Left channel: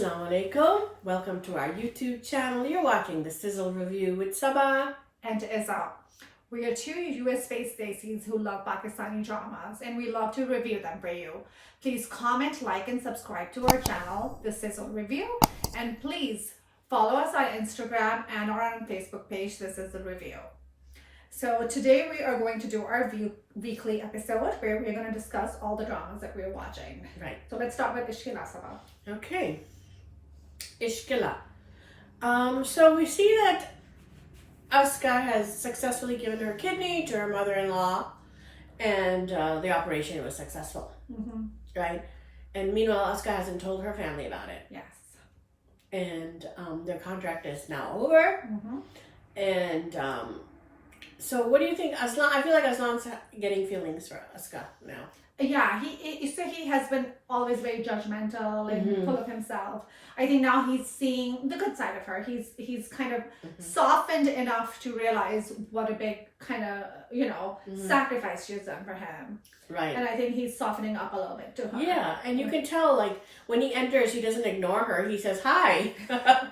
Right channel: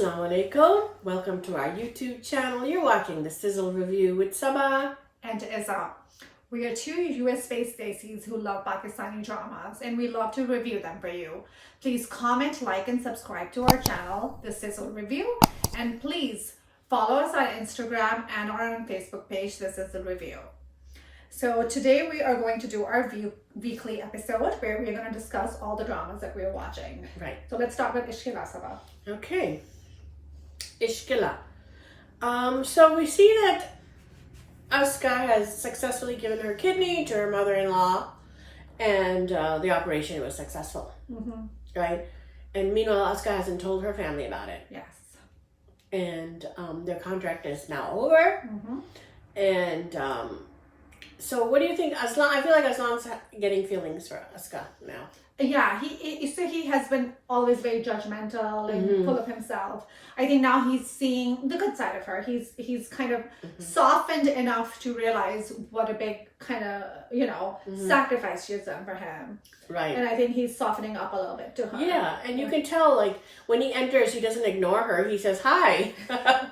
Assalamu alaikum. Welcome to our YouTube channel. You're watching the Sizzle review with Sabah and Izzal. We are two US-based Daisies who love Pakistani dramas and we love to review them for you. Please comment, like, and subscribe to our channel, the Sizzle Review, and please follow us on Instagram and our own Facebook page, the Sizzle Review. So today we are going to do our weekly episode where we're going to discuss all the dramas that we're watching. Right. So let's start with Ishq, Sabah. Okay. Ishq. So we see that Aska has successfully given her kidney to her mother-in-law, and the operation was successful. Mm-hmm. Right? And meanwhile, Aska hasn't told her family about it. Yes. And their contract is now over. Mm-hmm. And so what do you think? Aslan, I feel like Aslan's getting feelings for Aska now. Yeah, he has been always very judgmental and Mm-hmm. full of himself. I think now he's seeing the good side of her. He's kind of softened enough to realize what a big kind of, sacrifice she's done for him. Right. And I think he's softening up a little bit to her. Yeah, and you can tell, like, when he enters, he doesn't ignore her. He says, hi.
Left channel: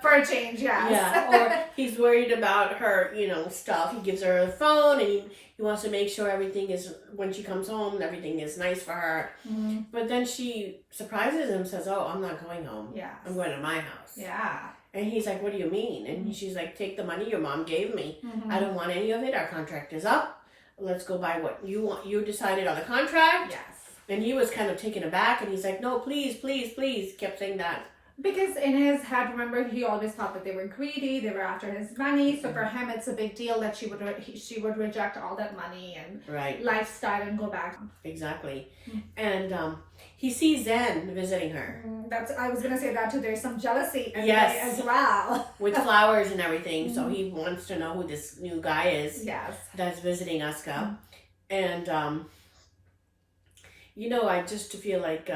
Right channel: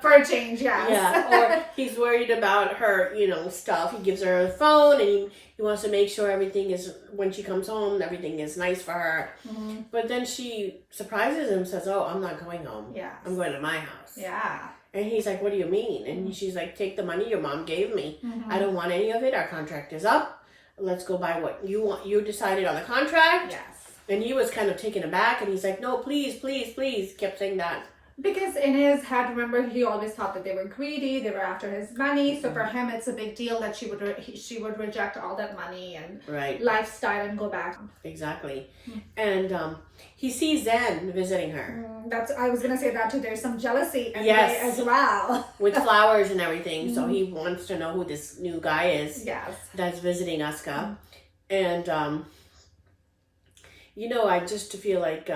For a change, yes. Yeah, or he's worried about her, stuff. He gives her a phone, and he wants to make sure everything is, when she comes home, everything is nice for her. Mm-hmm. But then she surprises him, says, oh, I'm not going home. Yeah. I'm going to my house. Yeah. And he's like, what do you mean? And she's like, take the money your mom gave me. Mm-hmm. I don't want any of it. Our contract is up. Let's go by what you want. You decided on the contract. Yes. And he was kind of taken aback, and he's like, no, please, please, please. Kept saying that. Because in his head, remember, he always thought that they were greedy, they were after his money. So for him, it's a big deal that she would reject all that money and Right. lifestyle and go back. Exactly. And he sees Zen visiting her. I was gonna say that too. There's some jealousy Yes. as well. With flowers and everything. So he wants to know who this new guy is. Yes. That's visiting Aska. And, I just feel like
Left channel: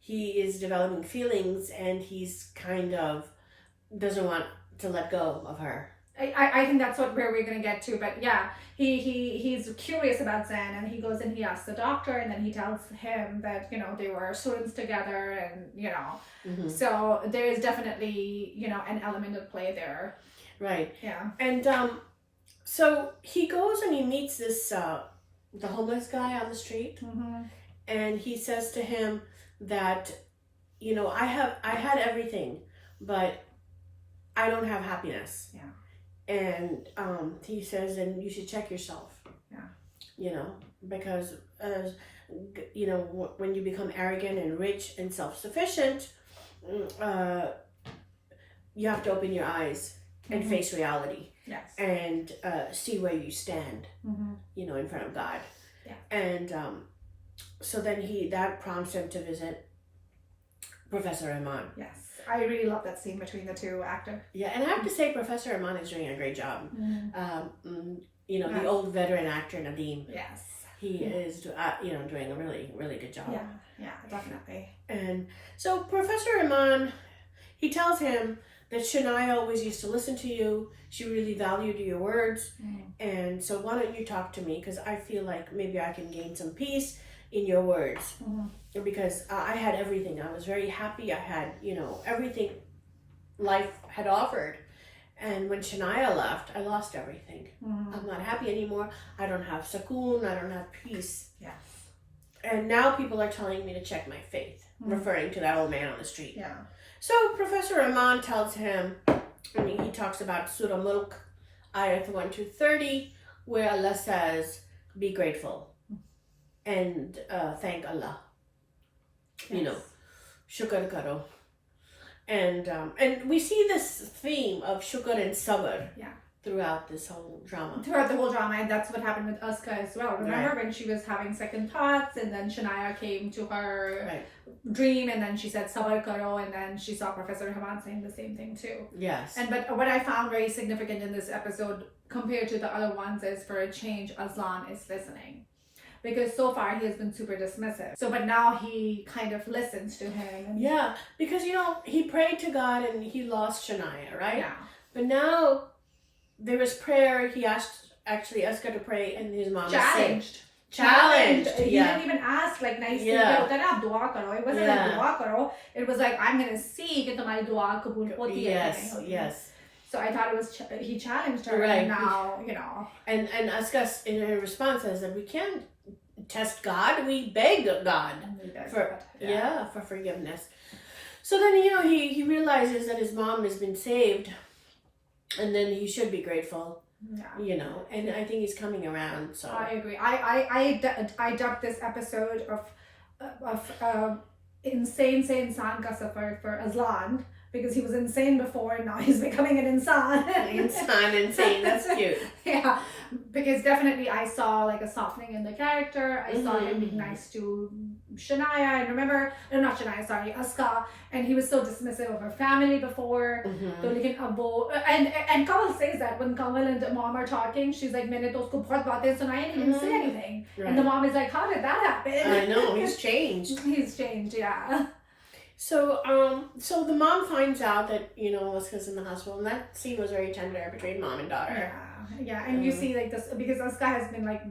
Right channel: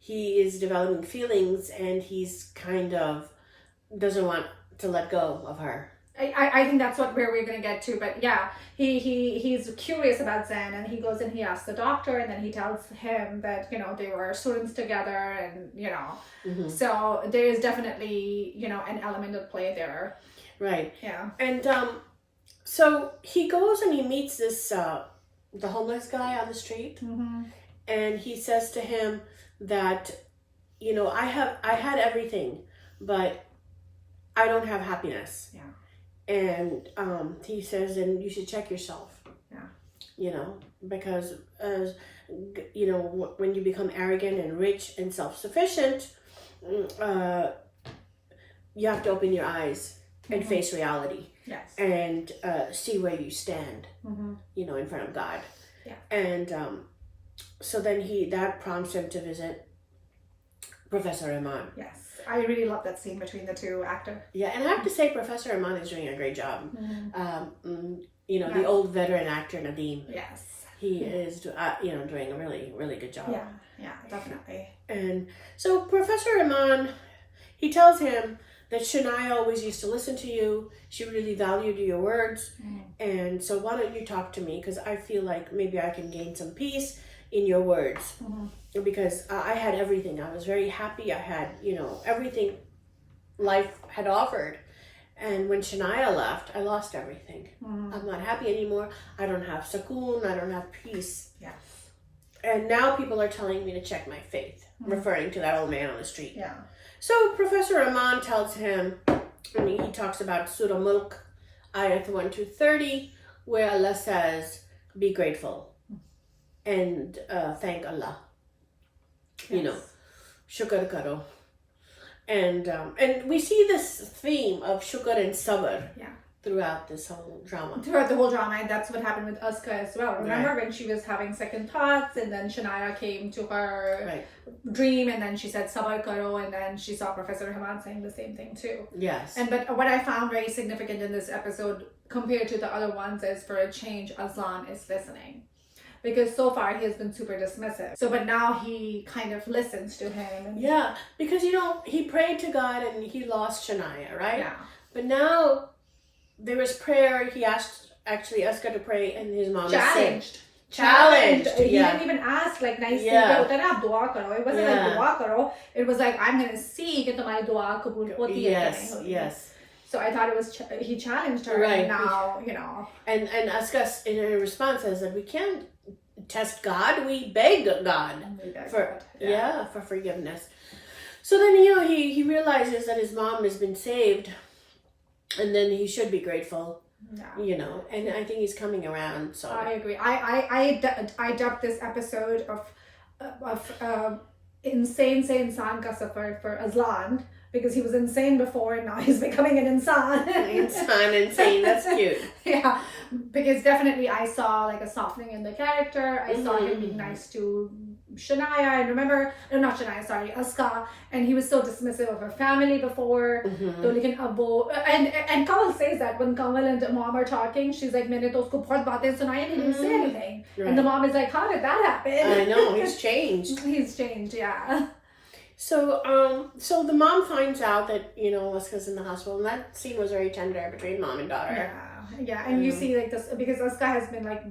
he is developing feelings, and he's kind of doesn't want to let go of her. I think that's where we're gonna get to, but yeah, he's curious about Zen, and he goes and he asks the doctor, and then he tells him that they were students together, and so there is definitely an element of play there. Right. Yeah. And so he goes and he meets this the homeless guy on the street, and he says to him that I had everything, but I don't have happiness. Yeah. And he says, and you should check yourself. Yeah. Because when you become arrogant and rich and self-sufficient, you have to open your eyes and face reality. Yes. And see where you stand, in front of God. Yeah. And so then that prompts him to visit Professor Iman. Yes. I really love that scene between the two actors. Yeah, and I have to say Professor Iman is doing a great job. The old veteran actor Nadeem. Yes. He is, doing a really, really good job. Yeah, definitely. And so Professor Iman, he tells him that Shania always used to listen to you. She really valued your words. And so why don't you talk to me? Because I feel like maybe I can gain some peace in your words. Because I had everything. I was very happy. I had, everything life had offered. And when Shania left, I lost everything. I'm not happy anymore. I don't have sakoon. I don't have peace. Yeah. And now people are telling me to check my faith, referring to that old man on the street. Yeah. So Professor Iman tells him, he talks about Surah Mulk, Ayat 1 to 30, where Allah says, be grateful and thank Allah. Yes. Shukr karo. And we see this theme of shukr and sabr throughout this whole drama. Throughout the whole drama, and that's what happened with Aska as well. Remember when she was having second thoughts, and then Shania came to her dream, and then she said Sabar karo, and then she saw Professor Haman saying the same thing too. Yes. But what I found very significant in this episode compared to the other ones is, for a change, Aslan is listening. Because so far he has been super dismissive. So, but now he kind of listens to him. And because he prayed to God and he lost Shania, right? Yeah. But now there was prayer. He asked Aska to pray, and his mom changed. challenged. He Yeah. didn't even ask like nicely. Yeah. "Hota na, aap dua karo." It wasn't like dua karo. It was like, I'm gonna see कि तुम्हारी दुआ कबूल होती है कि नहीं Yes, होती. yes. So I thought it was he challenged her, Right. and now you know. And Askas in her response says that we can't test God, we beg God for for forgiveness. So then he realizes that his mom has been saved, and then he should be grateful. Yeah. And I think he's coming around. So I agree. I dubbed this episode of insane se insan ka safar for Azlan, because he was insane before and now he's becoming an insan. Insane. That's cute. Yeah, because definitely I saw like a softening in the character. I saw him being nice to Shania, and remember, no, not Shania, sorry, Aska, and he was so dismissive of her family before. So like and Kamal says that when Kamal and mom are talking, she's like, "Maine to usko bahut baatein sunai and he didn't say anything." Right. And the mom is like, "How did that happen?" I know, he's changed. He's changed, yeah. So the mom finds out that Aska's in the hospital, and that scene was very tender between mom and daughter. Yeah, and you see like this because Aska has been like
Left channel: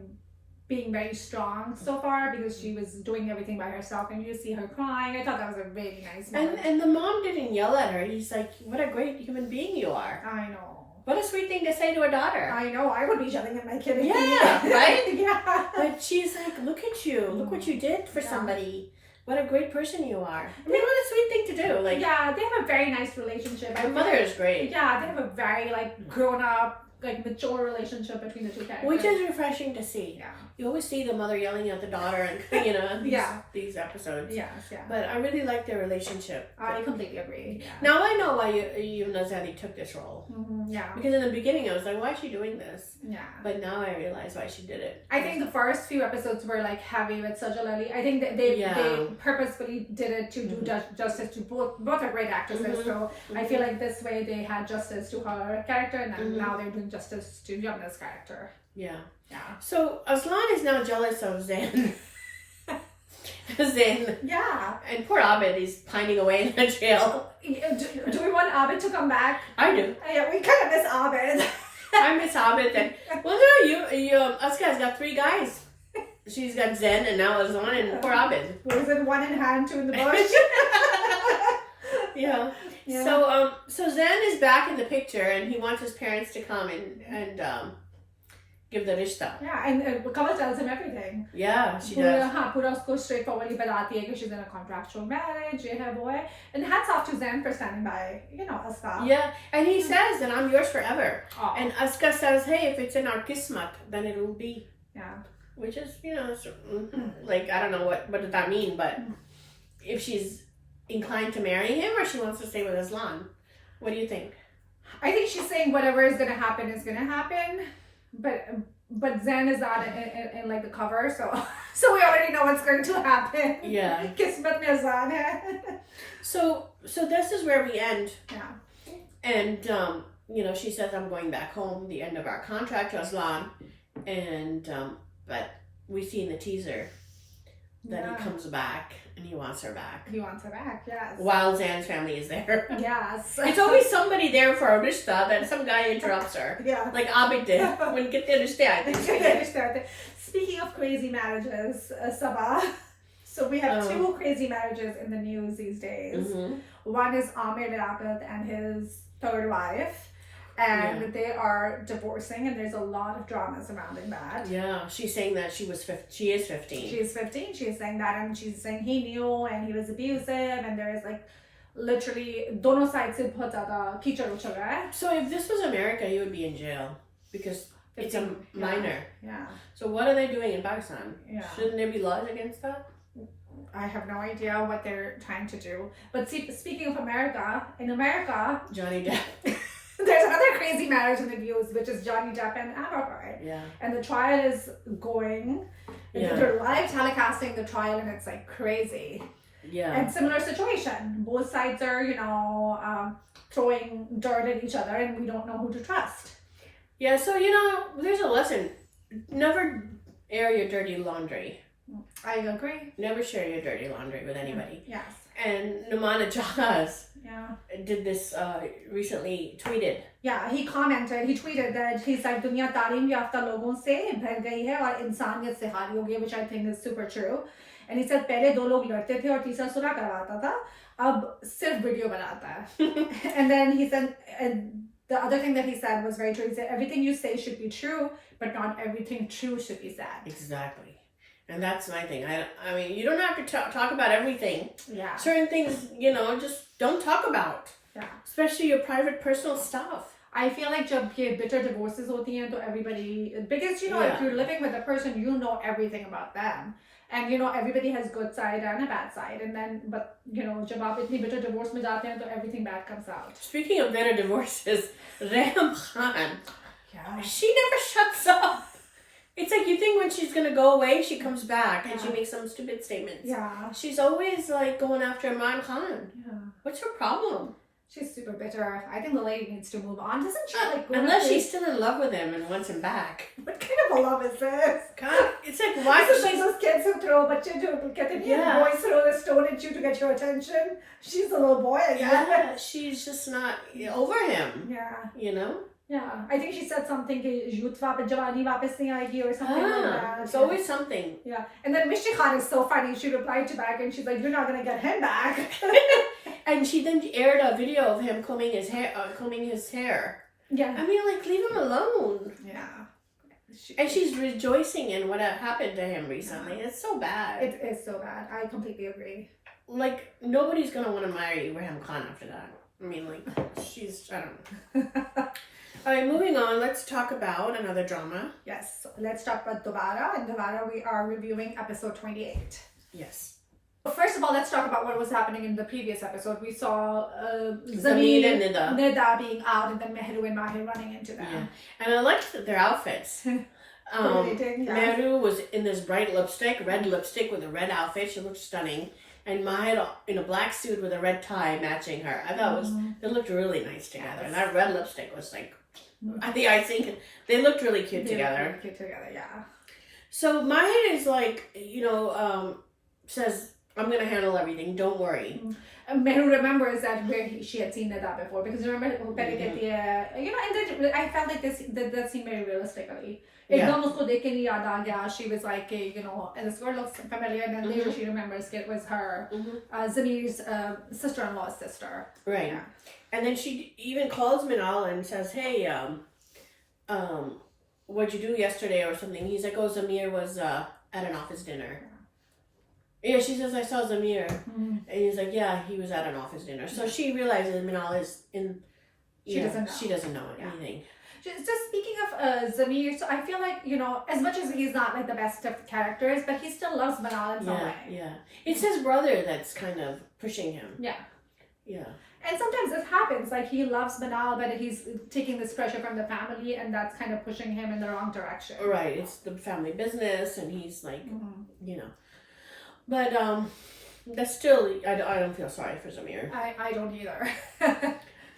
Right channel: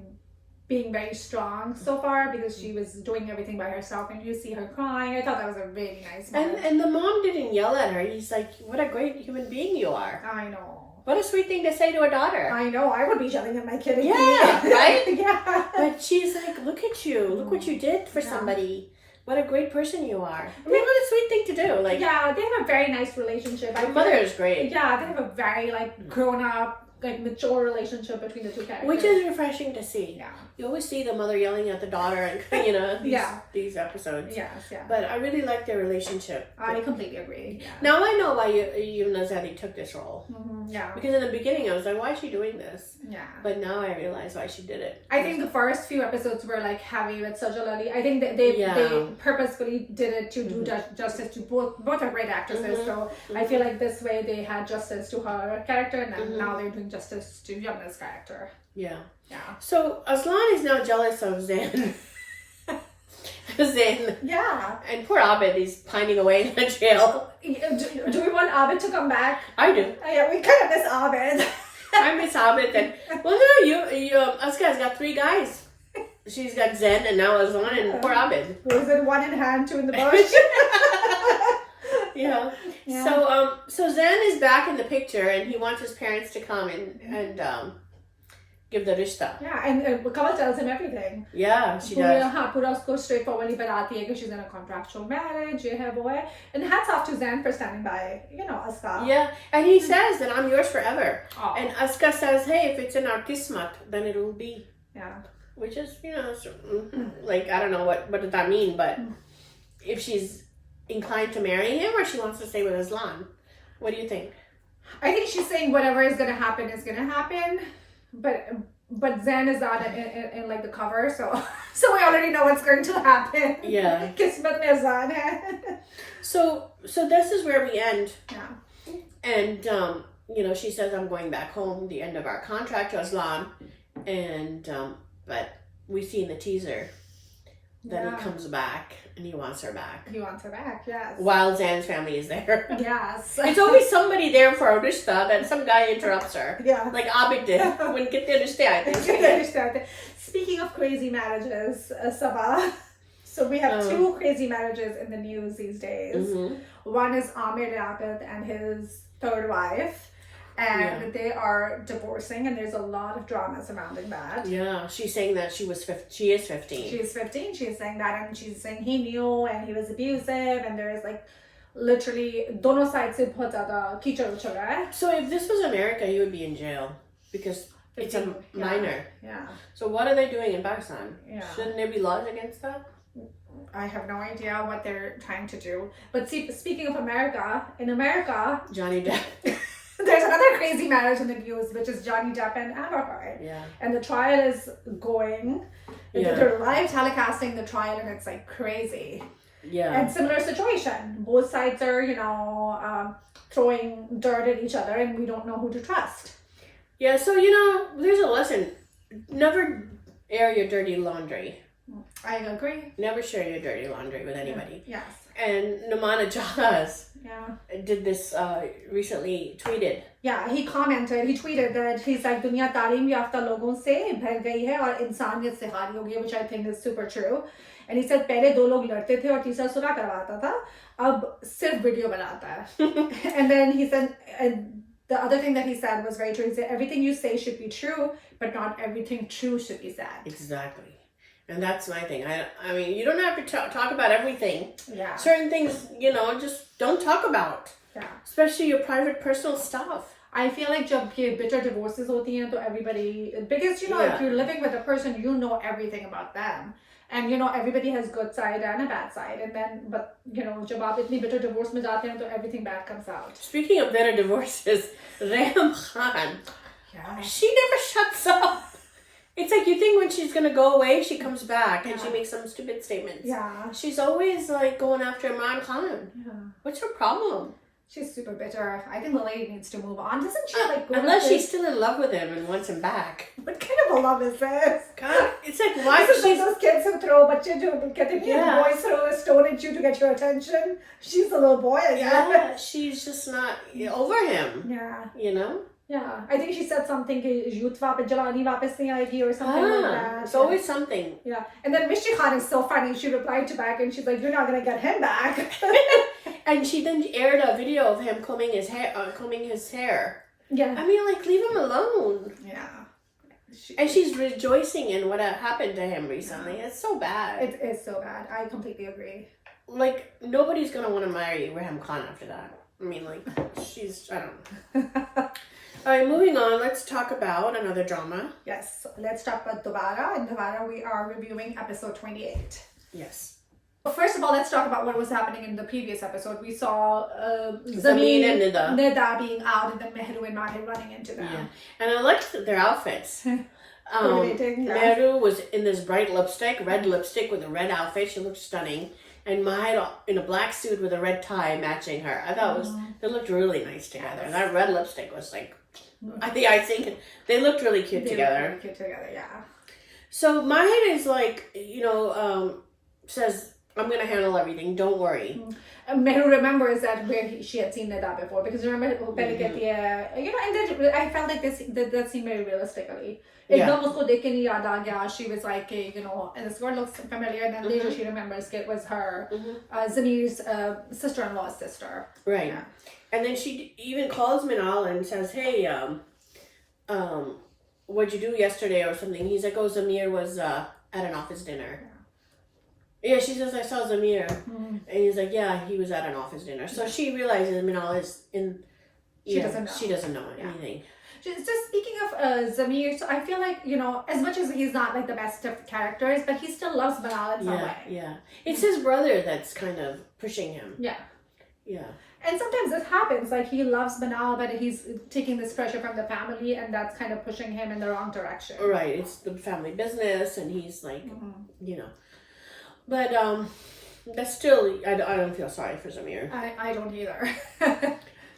being very strong so far because she was doing everything by herself, and you see her crying. I thought that was a really nice moment. And the mom didn't yell at her. He's like, "What a great human being you are." I know. What a sweet thing to say to a daughter. I know. I would be yelling at my kid. Yeah, right? Yeah. But she's like, "Look at you. Look what you did for somebody. What a great person you are." I mean, what a sweet thing to do. Like, yeah, they have a very nice relationship. My mother is great. Yeah, they have a very like grown up, like mature relationship between the two characters, which is refreshing to see. Yeah, you always see the mother yelling at the daughter, and these episodes. Yes, yeah. But I really like their relationship. I completely agree. Yeah. Now I know why Nazani took this role. Yeah. Because in the beginning I was like, why is she doing this? Yeah. But now I realize why she did it. I think the first few episodes were like heavy with Sizzle. I think that they purposefully did it to do justice to both are great actresses. So I feel like this way they had justice to her character, and now they're doing justice to Yamna's character. Yeah. Yeah. So Aslan is now jealous of Zan. Zan. Yeah. And poor Abed is pining away in the jail. Do we want Abed to come back? I do. Yeah, we kind of miss Abed. I miss Abed. Well, no, Aska's got 3 guys. She's got Zen and now Aslan and poor Abed. Was it 1 in hand, 2 in the bush? Yeah. So Zen is back in the picture, and he wants his parents to come and give the rishta. Yeah, and Kamal tells him everything. Yeah, she does. Pura usko straightforwardly बताती है कि she's in a contractual marriage, ये है वो है. And hats off to Zen for standing by, Aska. Yeah, and he says that I'm yours forever. Oh. And Aska says, hey, if it's in our kismat, then it will be. Yeah. Which is, like, I don't know what does that mean, but if she's inclined to marry him or she wants to stay with Aslan, what do you think? I think she's saying whatever is going to happen is going to happen. But Zen is not in like the cover, so we already know what's going to happen. Yeah. Kismet mein Zen hai. So this is where we end. Yeah. And she says, I'm going back home, the end of our contract, Aslan. And but we see in the teaser that he comes back and he wants her back. He wants her back, yes. While Zan's family is there. Yes. It's always somebody there for a rishta, then some guy interrupts her. Yeah. Like Abid did. When get the understand. Speaking of crazy marriages, Sabah. So we have 2 crazy marriages in the news these days. One is Amir Liaquat and his 3rd wife. And they are divorcing, and there's a lot of drama surrounding that. Yeah, she's saying that she is 15. She is 15. She's saying that, and she's saying he knew, and he was abusive, and there is like literally dono sides se bahut zyada kichad uchal raha hai. So if this was America, he would be in jail because it's a minor. Yeah. So what are they doing in Pakistan? Yeah. Shouldn't there be laws against that? I have no idea what they're trying to do. But speaking of America, in America, Johnny Depp. There's another crazy marriage in the news, which is Johnny Depp and Amber Heard. Yeah. And the trial is going. Yeah. They're live telecasting the trial, and it's like crazy. Yeah. And similar situation. Both sides are, throwing dirt at each other, and we don't know who to trust. Yeah, so, there's a lesson. Never air your dirty laundry. I agree. Never share your dirty laundry with anybody. Yes. And Namana Jaha's. Yeah. did this recently, tweeted. Yeah, he commented, he tweeted that he's like, दुनिया तालीम याफ्ता लोगों से भर गई है और इंसानियत से हारी हो गई है, which I think is super true. And he said पहले 2 लोग लड़ते थे और तीसरा सुलह करवाता था, अब सिर्फ वीडियो बनाता है. And then he said, and the other thing that he said was very true. He said everything you say should be true, but not everything true should be said. Exactly. And that's my thing. I mean, you don't have to talk about everything. Yeah. Certain things, you know, just don't talk about. Yeah. Especially your private, personal stuff. I feel like जब ये bitter divorces होती हैं तो everybody, because you know, if you're living with a person, you know everything about them. And you know, everybody has good side and a bad side. And then, but you know, जब आप इतनी bitter divorce में जाते हैं तो everything bad comes out. Speaking of bitter divorces, Reham Khan. Yeah. She never shuts up. It's like you think when she's gonna go away, she comes back and she makes some stupid statements. Yeah. She's always like going after Imran Khan. Yeah. What's her problem? She's super bitter. I think the lady needs to move on. Doesn't she like go unless she's still in love with him and wants him back? What kind of a love is this? God, it's like why This is she like those kids who throw बच्चे जो कहते हैं boys throw the stone at you to get your attention. She's a little boy. Yeah, she's just not over him. Yeah. You know? Yeah, I think she said something कि youth वापस जवानी वापस नहीं आएगी or something like that. It's always something. Yeah, and then Mishti Khan is so funny. She replied to back and she's like, "You're not gonna get him back." And she then aired a video of him combing his hair. Yeah. I mean, like, leave him alone. Yeah. And she's rejoicing in what happened to him recently. Yeah. It's so bad. It is so bad. I completely agree. Like, nobody's gonna want to marry Reham Khan after that. I mean, like, I don't know. All right, moving on. Let's talk about another drama. Yes, let's talk about Dobara. And Dobara, we are reviewing episode 28. Yes. First of all, let's talk about what was happening in the previous episode. We saw Zamir and Nida being out, and then Mehru and Mahir running into them. Yeah. And I liked their outfits. Mehru was in this bright lipstick, red lipstick with a red outfit. She looked stunning. And Mahir in a black suit with a red tie matching her. I thought they looked really nice together. And that red lipstick was like, I think they looked really cute together. Really cute together, yeah. So Mahir is like, says, I'm going to handle everything. Don't worry. Mehru remembers that where she had seen Nida before. Because remember, and I felt like that seemed very realistically. एकदम उसको देख के नहीं याद आ गया. She was like, and this girl looks familiar. And then later she remembers it was her, Zamir's sister-in-law's sister. Right. Yeah. And then she even calls Minal and says, hey, what'd you do yesterday or something? He's like, oh, Zamir was at an office dinner. Yeah, she says, I saw Zamir. And he's like, yeah, he was at an office dinner. So she realizes Minal is in... She doesn't know anything. Just speaking of Zamir, so I feel like, as much as he's not like the best of characters, but he still loves Manal in some way. Yeah. It's his brother that's kind of pushing him. Yeah. Yeah. And sometimes this happens, like he loves Manal, but he's taking this pressure from the family, and that's kind of pushing him in the wrong direction. Right. It's the family business, and he's like, But that's still, I don't feel sorry for Zamir. I don't either.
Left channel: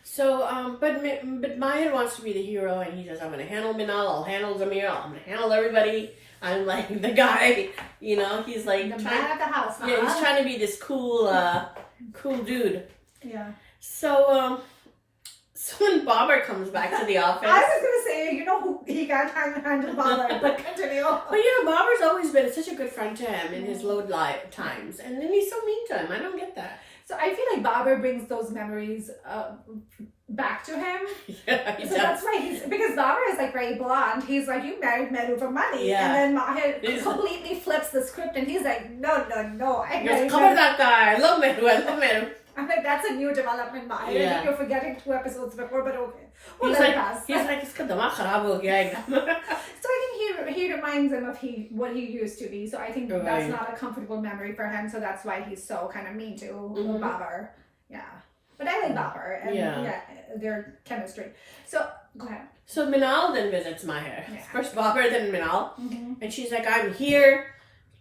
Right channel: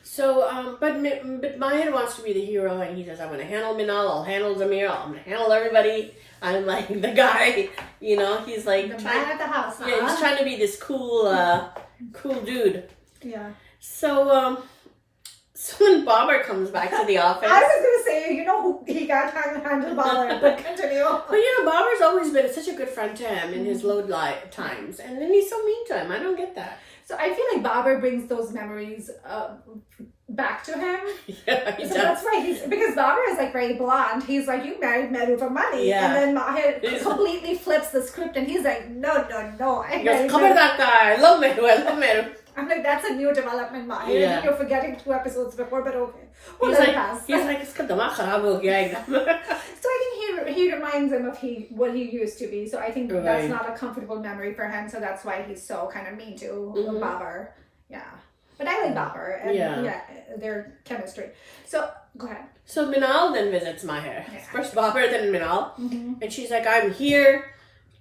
So, but Mahir wants to be the hero, and he says, I'm going to handle Minal, I'll handle Zamir, I'm going to handle everybody. I'm like the guy, he's like... The man at the house, huh? Yeah, he's trying to be this cool dude. Yeah. So when Babar comes back to the office... I was going to say, who he can't handle Babar, but continue. But Babar's always been such a good friend to him in his low times, and then he's so mean to him. I don't get that. So I feel like Babar brings those memories back to him. Yeah, so that's why because Babar is like very blunt. He's like, you married Mehru for money. Yeah. And then Mahir completely flips the script and he's like, no. I married Mehru. That guy. I love Mehru. I'm like, that's a new development, Mahir. Yeah. I think you're forgetting 2 episodes before, but okay. He's like, iska damag kharab ho gaya ekdam. So I think he reminds him of what he used to be. So I think that's not a comfortable memory for him. So that's why he's so kind of mean to Babar. Yeah. But I like Babar and their chemistry. So go ahead. So Minal then visits Mahir. Yeah. First Babar, then Minal. And she's like, I'm here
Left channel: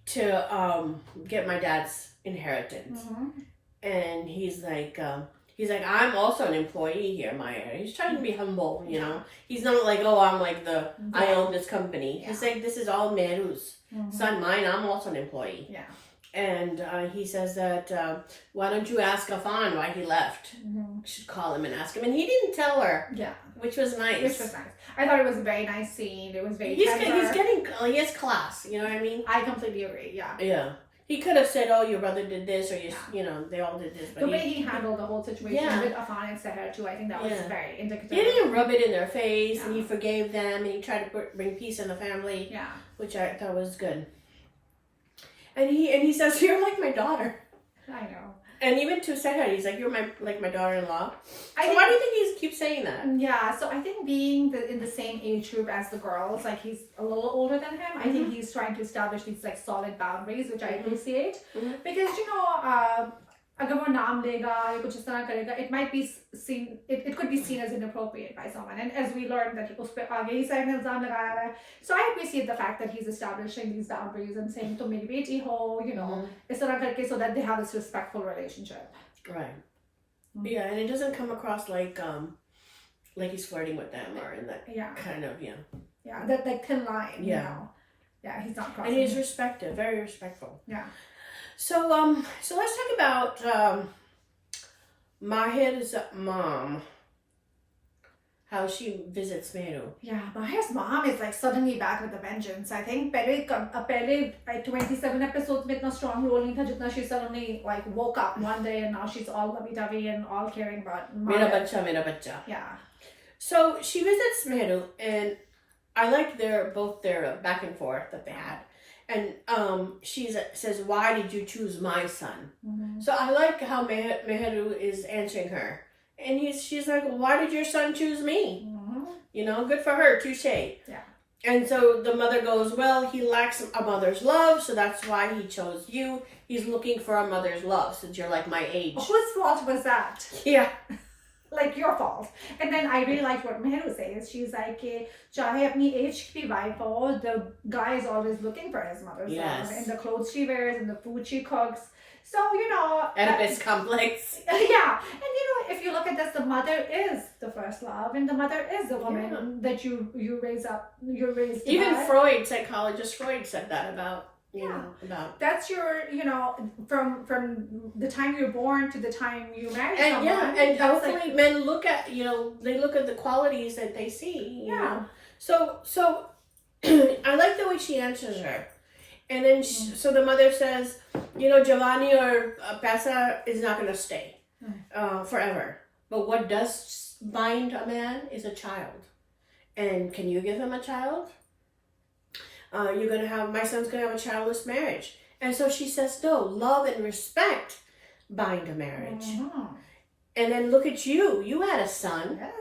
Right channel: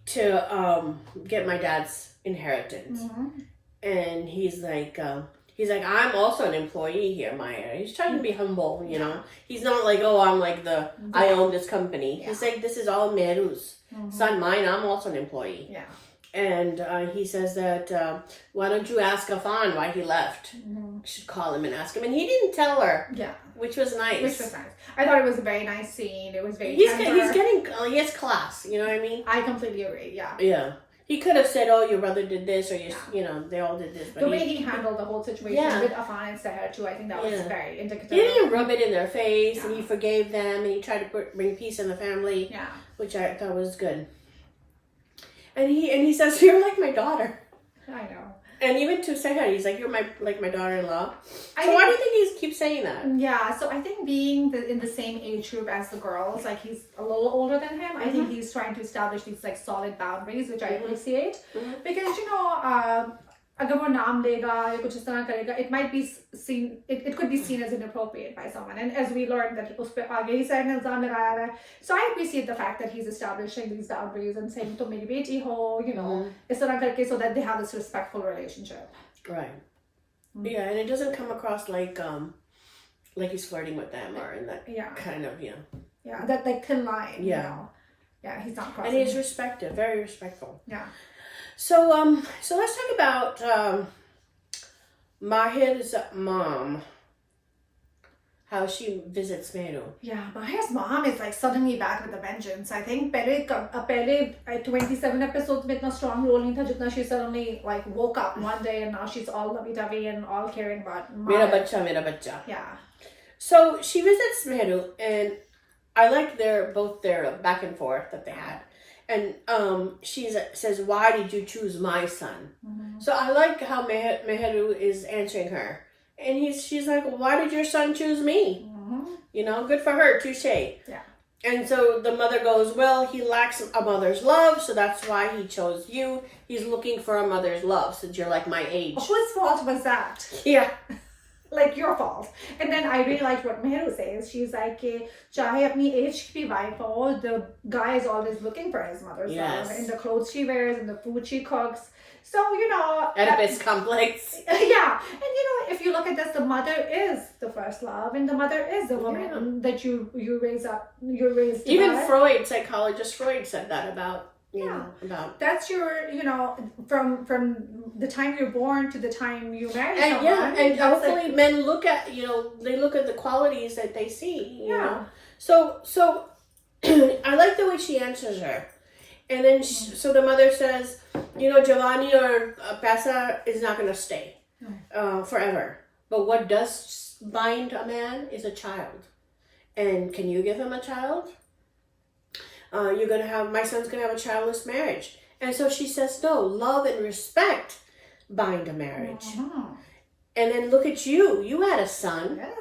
to get my dad's inheritance. And he's like, I'm also an employee here, Mahir. He's trying to be humble, He's not like, oh, I'm like I own this company. Yeah. He's like, this is all Mehru's. It's not mine. I'm also an employee. Yeah. And he says that, why don't you ask Afan why he left? Mm-hmm. Should call him and ask him. And he didn't tell her. Yeah. Which was nice. I thought it was a very nice scene. It was very He has class. You know what I mean? I completely agree. Yeah. Yeah. He could have said, "Oh, your brother did this," or you know, they all did this. But the way he handled the whole situation with Afan and Seher too, I think that was very indicative. He didn't rub it in their face, and he forgave them, and he tried to bring peace in the family. Yeah. Which I thought was good. And he says, "You're like my daughter." I know. And even to Seher, he's like, "You're my daughter-in-law." So why do you think he keeps saying that? Yeah, so I think being in the same age group as the girls, like he's a little older than him, I think he's trying to establish these like solid boundaries, which I appreciate. Because you know, अगर वो नाम लेगा या कुछ इस तरह करेगा, it might be seen, it could be seen as inappropriate by someone. And as we learned that उस पे आगे ही सारे इल्जाम लगाया हुआ है. So I appreciate the fact that he's establishing these boundaries and saying तुम मेरी बेटी हो, you know, इस तरह करके, so that they have this respectful relationship. Right. Yeah, and it doesn't come across like he's flirting with them or in that kind of that like thin line. You know? Yeah, he's not crossing. And he's respected, very respectful. Yeah. So let's talk about Mahir's mom. How she visits Mehru. Yeah, Mahir's mom is like suddenly back with a vengeance. I think पहले 27 episodes में इतना strong role नहीं था जितना she suddenly like woke up one day and now she's all lovey-dovey and all caring about Mahir. Mera bacha. Yeah. So she visits Mehru, and I like their back and forth that they had. And she says, "Why did you choose my son?" So I like how Mehru is answering her. And she's like, "Why did your son choose me?" You know, good for her, touche. Yeah. And so the mother goes, "Well, he lacks a mother's love, so that's why he chose you. He's looking for a mother's love since you're like my age." Whose fault was that? Yeah. Like your fault. And then I really liked what Mehru says. She's like, chahe apni age ki wife ho, the guy is always looking for his mother's love. In the clothes she wears, in the food she cooks. So, you know. Oedipus complex. Yeah. And, you know, if you look at this, the mother is the first love. And the mother is the woman that you raise up. You're raised to Even by. Freud, psychologist Freud said that about. You know, about that's your, you know, from the time you're born to the time you marry someone. Yeah, and hopefully men look at, they look at the qualities that they see, you know. So I like the way she answers her. And then so the mother says, Giovanni or Pesa is not going to stay forever. But what does bind a man is a child. And can you give him a child? My son's going to have a childless marriage. And so she says, no, love and respect bind a marriage. And then look at you. You had a son. Yes.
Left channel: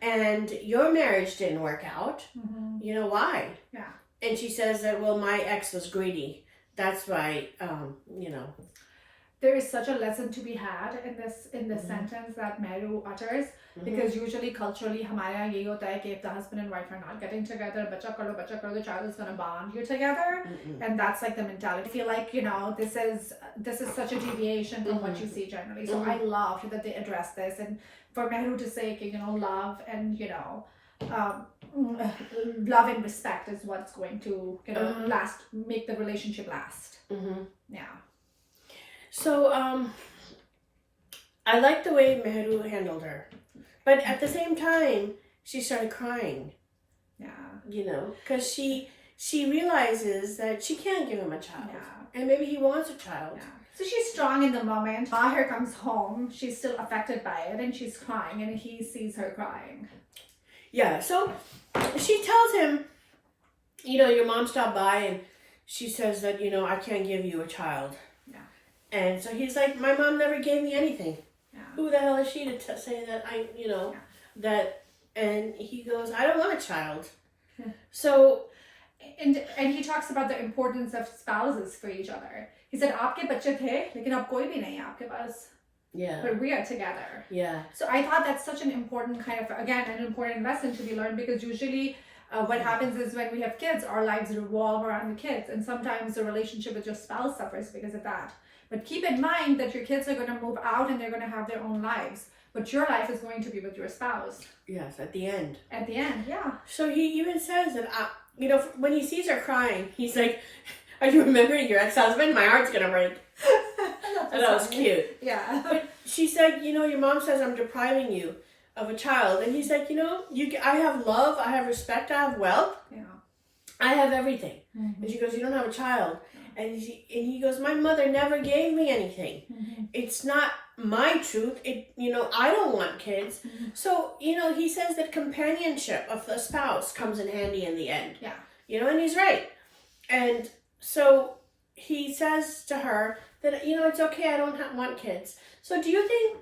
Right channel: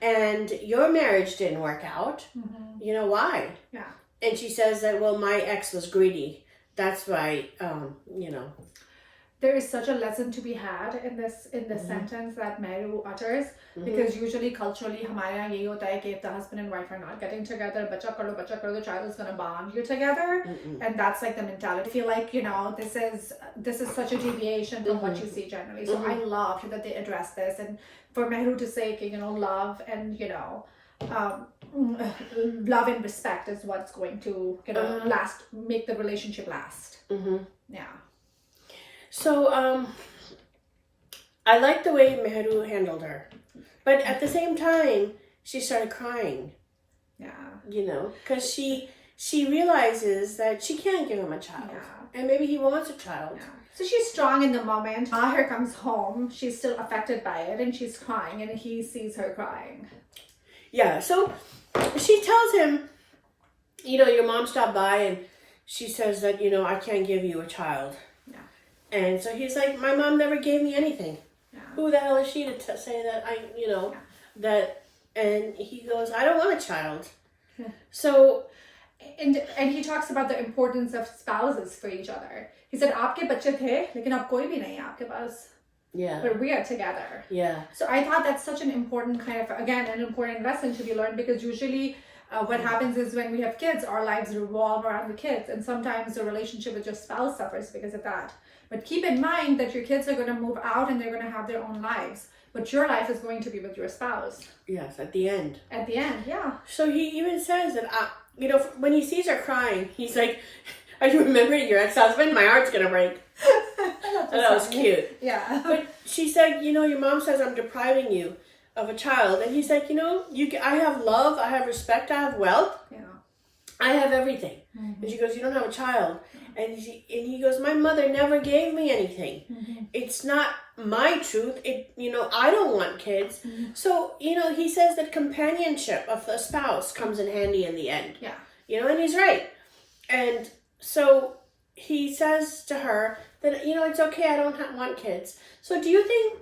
And your marriage didn't work out. You know why? Yeah. And she says that, well, my ex was greedy. That's why, There is such a lesson to be had in this sentence that Mehru utters, because usually culturally हमारे यहाँ यही होता है कि if the husband and wife are not getting together, बच्चा करो, the child is going to bond you together, and that's like the mentality. I feel like this is such a deviation from what you see generally. So I loved that they addressed this, and for Mehru to say love and love and respect is what's going to make the relationship last. Yeah. So, I like the way Mehru handled her. But at the same time, she started crying. Yeah. Because she realizes that she can't give him a child. Yeah. And maybe he wants a child. Yeah. So she's strong in the moment. Mahir comes home. She's still affected by it, and she's crying, and he sees her crying. Yeah. So she tells him, your mom stopped by, and she says that, I can't give you a child. And so he's like, my mom never gave me anything. Yeah. Who the hell is she to say that that? And he goes, I don't want a child. Yeah. So, and he talks about the importance of spouses for each other. He said, "Aapke bachche the, lekin ab koi bhi nahi hai aapke paas." Yeah. But we are together. Yeah. So I thought that's such an important an important lesson to be learned, because usually what happens is when we have kids, our lives revolve around the kids, and sometimes the relationship with your spouse suffers because of that. But keep in mind that your kids are going to move out and they're going to have their own lives. But your life is going to be with your spouse. Yes, at the end. At the end, yeah. So he even says that, when he sees her crying, he's like, Are you remembering your ex-husband? My heart's gonna break. That was cute. Yeah. But she said, your mom says I'm depriving you of a child. And he's like, I have love, I have respect, I have wealth. Yeah. I have everything. Mm-hmm. And she goes, you don't have a child. And he goes, my mother never gave me anything. Mm-hmm. It's not my truth. I don't want kids. Mm-hmm. So, he says that companionship of the spouse comes in handy in the end. Yeah. And he's right. And so he says to her that, it's okay, I don't want kids. So do you think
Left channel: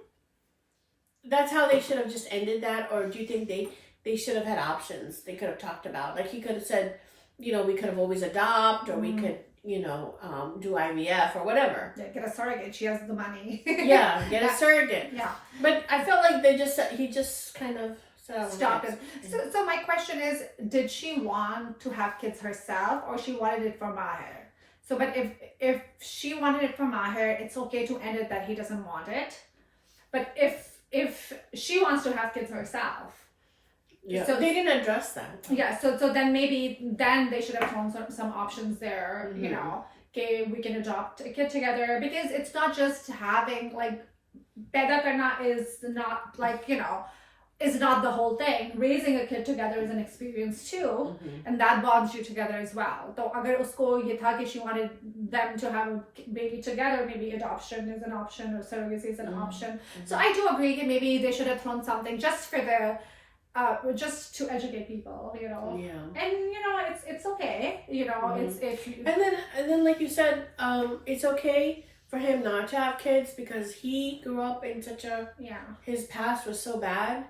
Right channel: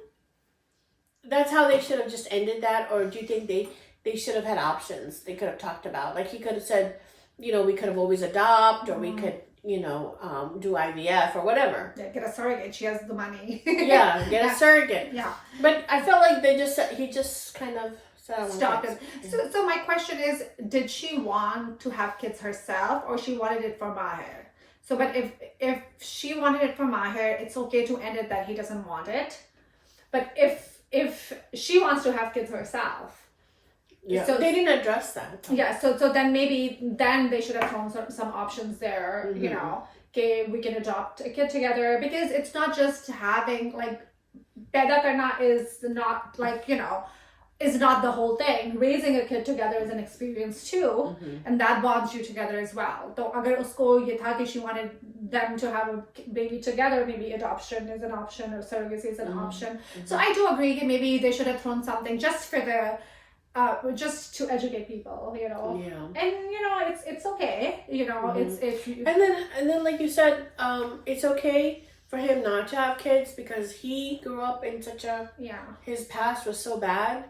that's how they should have just ended that? Or do you think they should have had options they could have talked about? Like he could have said, we could have always adopt, or we could, do IVF or whatever. Yeah, get a surrogate. She has the money. Yeah, get a surrogate. Yeah. But I felt like he just kind of said, I want Stop kids. it. So my question is, did she want to have kids herself, or she wanted it for Mahir? So, but if she wanted it for Mahir, it's okay to end it that he doesn't want it. But if she wants to have kids herself, yeah, so they didn't address that. Yeah, so then maybe they should have thrown some options there. Mm-hmm. Okay, we can adopt a kid together, because it's not just having like paida karna is not like is not the whole thing. Raising a kid together is an experience too, Mm-hmm. and that bonds you together as well. So agar usko ye tha ki she wanted them to have a baby together, maybe adoption is an option or surrogacy is an option. Mm-hmm. So I do agree that maybe they should have thrown something just for the just to educate people, Yeah. and it's okay, Mm-hmm. it's if you, and then like you said, it's okay for him not to have kids because he grew up in such a his past was so bad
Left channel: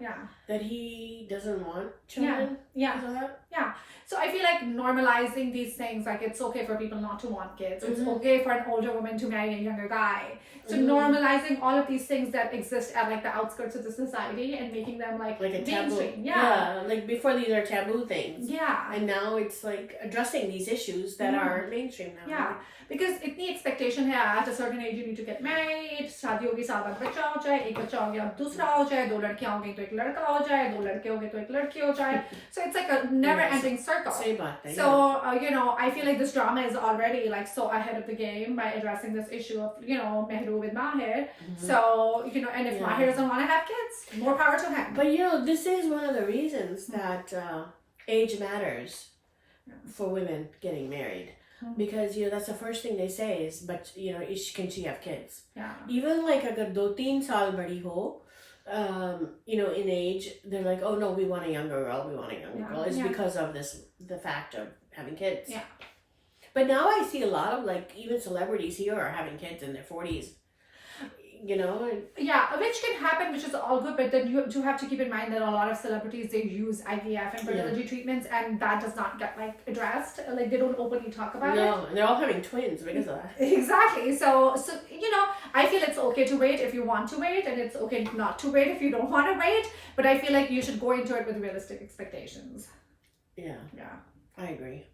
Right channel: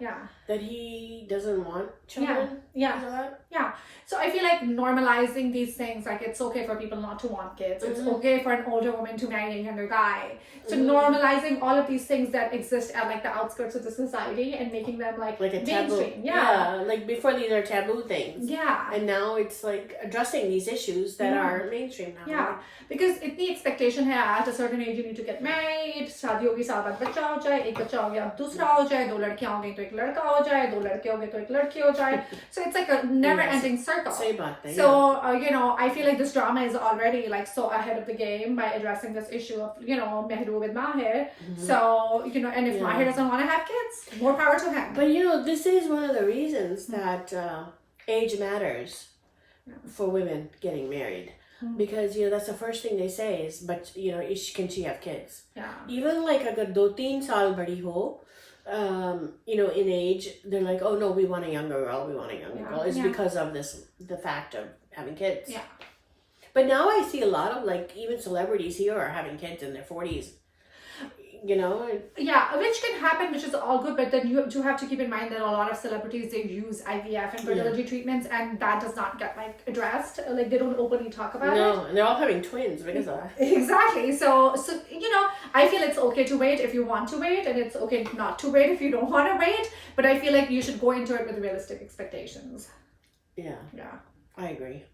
that he doesn't want children. Yeah. Is that? Yeah. So I feel like normalizing these things, like it's okay for people not to want kids. It's Mm-hmm. okay for an older woman to marry a younger guy. So Mm-hmm. normalizing all of these things that exist at like the outskirts of the society and making them like a taboo. mainstream. Yeah. Like before these are taboo things. Yeah. And now it's like addressing these issues that are mainstream now. Yeah, because itni expectation hai at a certain age you need to get married, शादी होगी साल बाद बच्चा हो जाए, एक बच्चा हो गया अब दूसरा हो जाए, दो लड़कियां हो गई तो एक लड़का हो जाए, दो लड़के हो गए तो एक लड़की हो जाए. So it's like a never-ending circle. Same thing. So I feel like this drama is already like so ahead of the game by addressing this issue of Mehru with Mahir. Mm-hmm. So and if Mahir doesn't want to have kids, more power to him. But this is one of the reasons that age matters for women getting married. Because that's the first thing they say is, but can she have kids? Yeah. Even like agar 2-3 saal badi ho, in age, they're like, oh no, we want a younger girl, girl. It's because of the fact of having kids. Yeah. But now I see a lot of like even celebrities here are having kids in their 40s. Yeah, which can happen, which is all good, but then you do have to keep in mind that a lot of celebrities, they use IVF and fertility treatments, and that does not get like addressed. Like they don't openly talk about it. No, and they're all having twins because of that. Exactly. So I feel it's okay to wait if you want to wait, and it's okay not to wait if you don't want to wait. But I feel like you should go into it with realistic expectations. Yeah, I agree.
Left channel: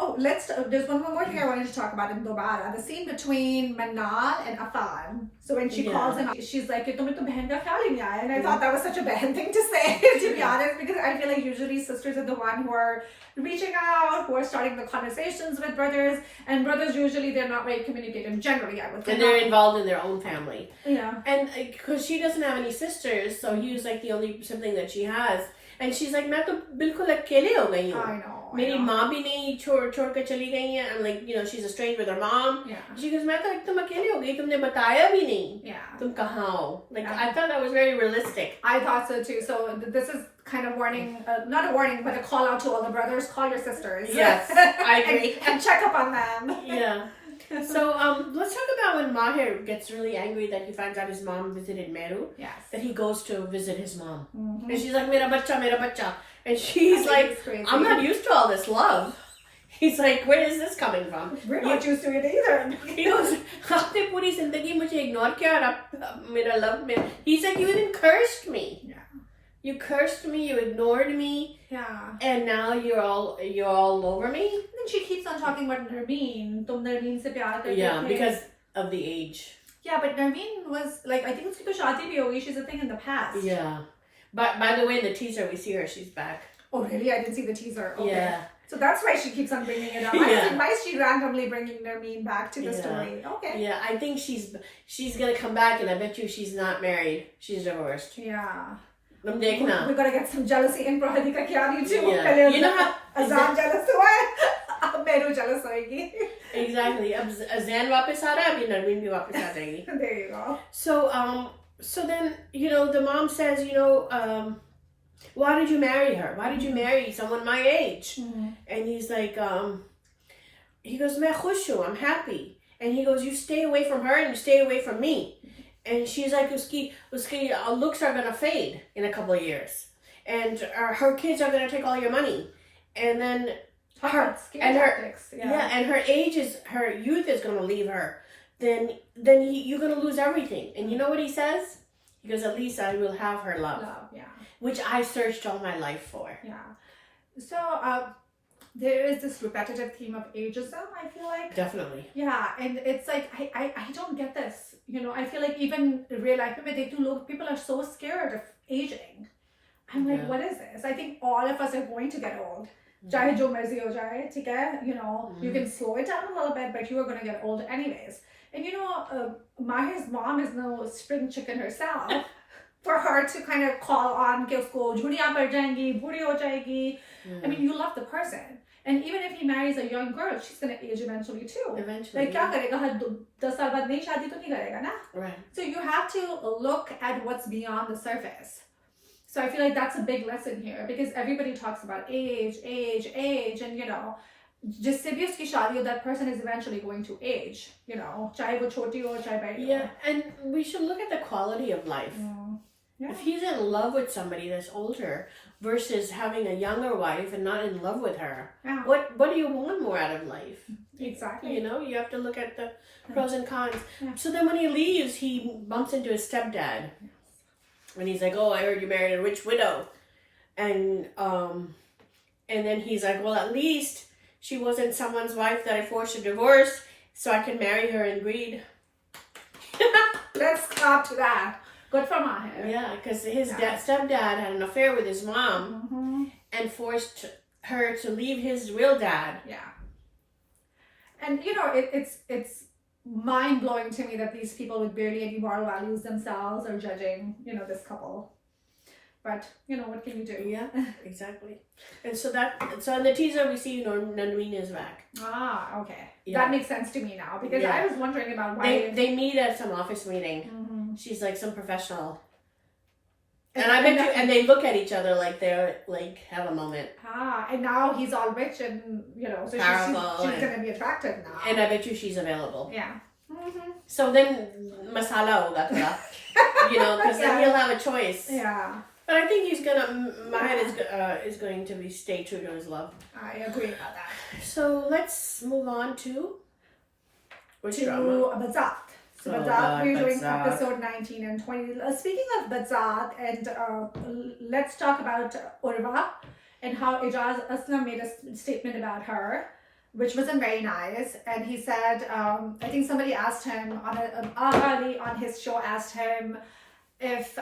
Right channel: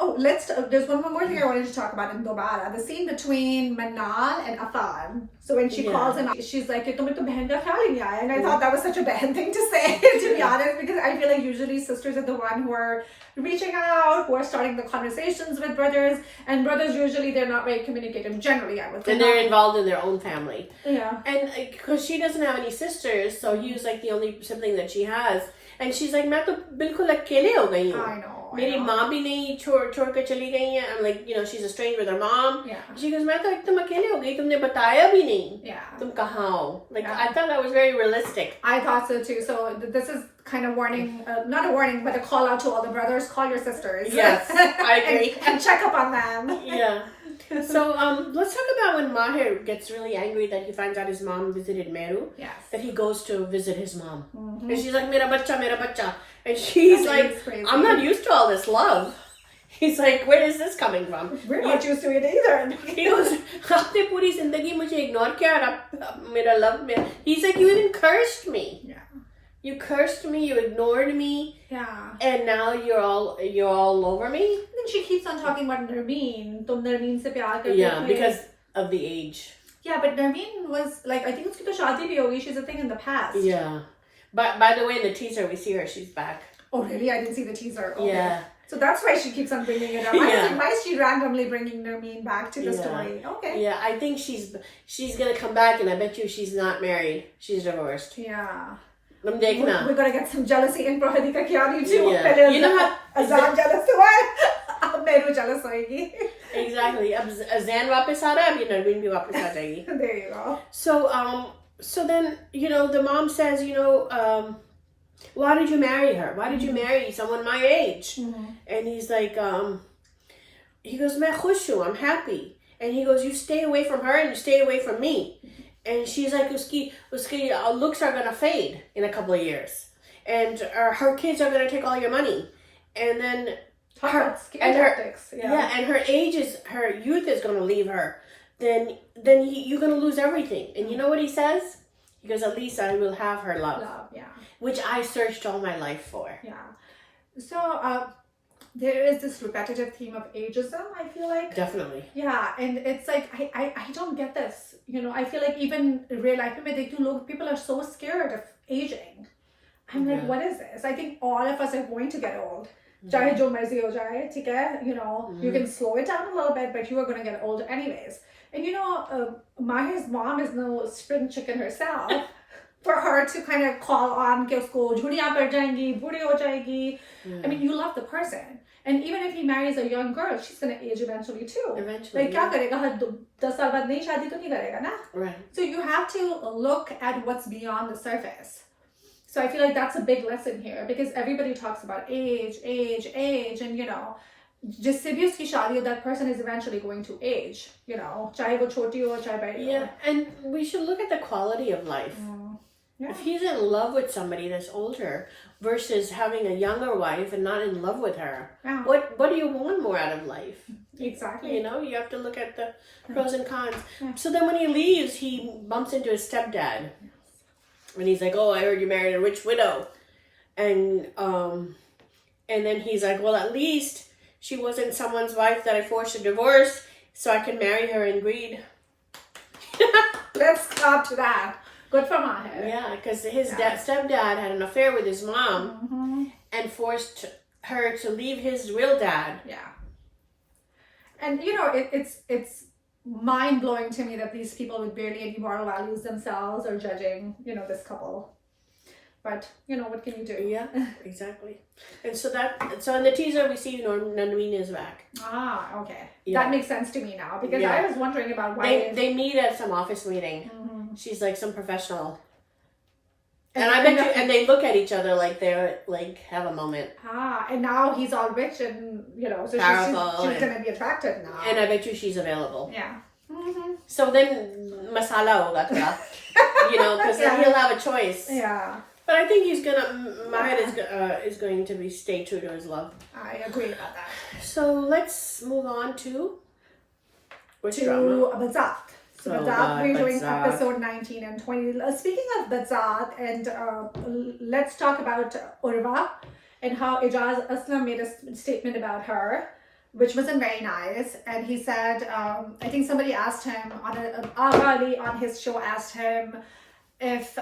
Oh, there's one more thing I wanted to talk about in Dobara. The scene between Manal and Afan. So when she calls him, she's like, "Tumhe to behan ka khayal hi nahi aaya." And I thought that was such a bad thing to say, to be honest, because I feel like usually sisters are the one who are reaching out, who are starting the conversations with brothers. And brothers, usually, they're not very communicative, generally, I would say. And they're involved in their own family. Yeah. And because she doesn't have any sisters, so he was like the only sibling that she has. And she's like, मैं तो बिल्कुल अकेले हो गई हूँ. I know. मेरी माँ भी नहीं छोड़ के चली गई है. I'm like, she's estranged with her mom. Yeah. She goes, मैं तो एकदम अकेले हो गई. तुमने बताया भी नहीं. Yeah. तुम कहाँ हो? Like, I thought that was very realistic. I thought so too. So this is kind of warning, not a warning, but a call out to all the brothers. Call your sisters. Yes, I agree. and check up on them. Yeah. So let's talk about when Mahir gets really angry that he finds out his mom visited Mehru. Yes. That he goes to visit his mom. Mm-hmm. And she's like, mera bacha. And she's like, I'm not used to all this love. He's like, where is this coming from? We're not used to it either. He goes, aapne puri zindagi mujhe ignore kiya aur mera love mein. He's like, you even cursed me. Yeah. You cursed me, you ignored me. Yeah. And now you're all over me. Then she keeps on talking about Narmeen. Tum Narmeen se pyar karte Yeah, the. because of the age. Yeah, but Narmeen was like, I think uski to shaadi bhi hogi. She's a thing in the past. Yeah. But by the way, in the teaser we see her, she's back. Oh really? I didn't see the teaser. Okay. Yeah. So that's why she keeps on bringing it up. I was Yeah. like, why is she randomly bringing Nermeen back to the story? Okay. Yeah, I think she's gonna come back, and I bet you she's not married. She's divorced. Yeah. हम We're देखना. gonna get some jealousy in Prohadi ka kyani too. Yeah. You know what? Azlan jealous hua hai. Ab Mehru jealous hoegi. Exactly. अब Azan वापस आ रहा है, अभी नरमीन भी वापस आ जाएगी. There you go. So then, the mom says, why did you marry her? Why did you marry someone my age? Mm-hmm. And he's like, he goes, मैं खुश हूँ, I'm happy. And he goes, you stay away from her and you stay away from me. And she's like, uski looks are gonna fade in a couple of years, and her kids are gonna take all your money, and then her youth is gonna leave her. Then you're gonna lose everything. And you know what he says? He goes, at least I will have her love. Yeah. Which I searched all my life for. Yeah. So there is this repetitive theme of ageism, I feel like. Definitely. Yeah, and it's like I don't get this. I feel like even real life people are so scared of aging. I'm like, what is this? I think all of us are going to get old. Chahe jo marzi ho jaye, theek hai, you can slow it down a little bit, but you are going to get old anyways. And Mahir's mom is no spring chicken herself. For her to kind of call on कि उसको झुर्रियाँ पड़ जाएंगी, बूढ़ी हो जाएगी. I mean, you love the person. And even if he marries a young girl, she's going to age eventually too. Eventually. Like, क्या करेगा? हर 10 साल बाद नई शादी तो नहीं करेगा ना? Right. So you have to look at what's beyond the surface. So I feel like that's a big lesson here, because everybody talks about age, and जिससे भी उसकी शादी हो, that person is eventually going to age. चाहे वो छोटी हो, चाहे बड़ी हो. Yeah, and we should look at the quality of life. Yeah. If he's in love with somebody that's older versus having a younger wife and not in love with her, what do you want more out of life? Exactly. You have to look at the pros and cons. Yeah. So then when he leaves, he bumps into his stepdad. And he's like, oh, I heard you married a rich widow. And then he's like, well, at least she wasn't someone's wife that I forced to divorce, so I can marry her in greed. Let's clap to that. Good for Mahir. Yeah, because his stepdad had an affair with his mom and forced her to leave his real dad. Yeah. And it's mind-blowing to me that these people with barely any moral values themselves are judging, this couple. But, what can you do? Yeah, exactly. And so in the teaser we see, Nandreen is back. Ah, okay. Yeah. That makes sense to me now, because I was wondering about why... They meet at some office meeting. She's like some professional. And they look at each other like they're like have a moment. And now he's all rich and, so she's going to be attracted now. And I bet you she's available. Yeah. So then, masala hoga thoda. Because then he'll have a choice. Yeah. But I think Mahir is going to stay true to his love. I agree about that. So let's move on to drama? Badzaat. So Badzaat, we're doing episode 19 and 20. Speaking of Badzaat, and let's talk about Urva and how Laa.Azlan made a statement about her, which wasn't very nice. And he said, I think somebody asked him, Ali on his show asked him if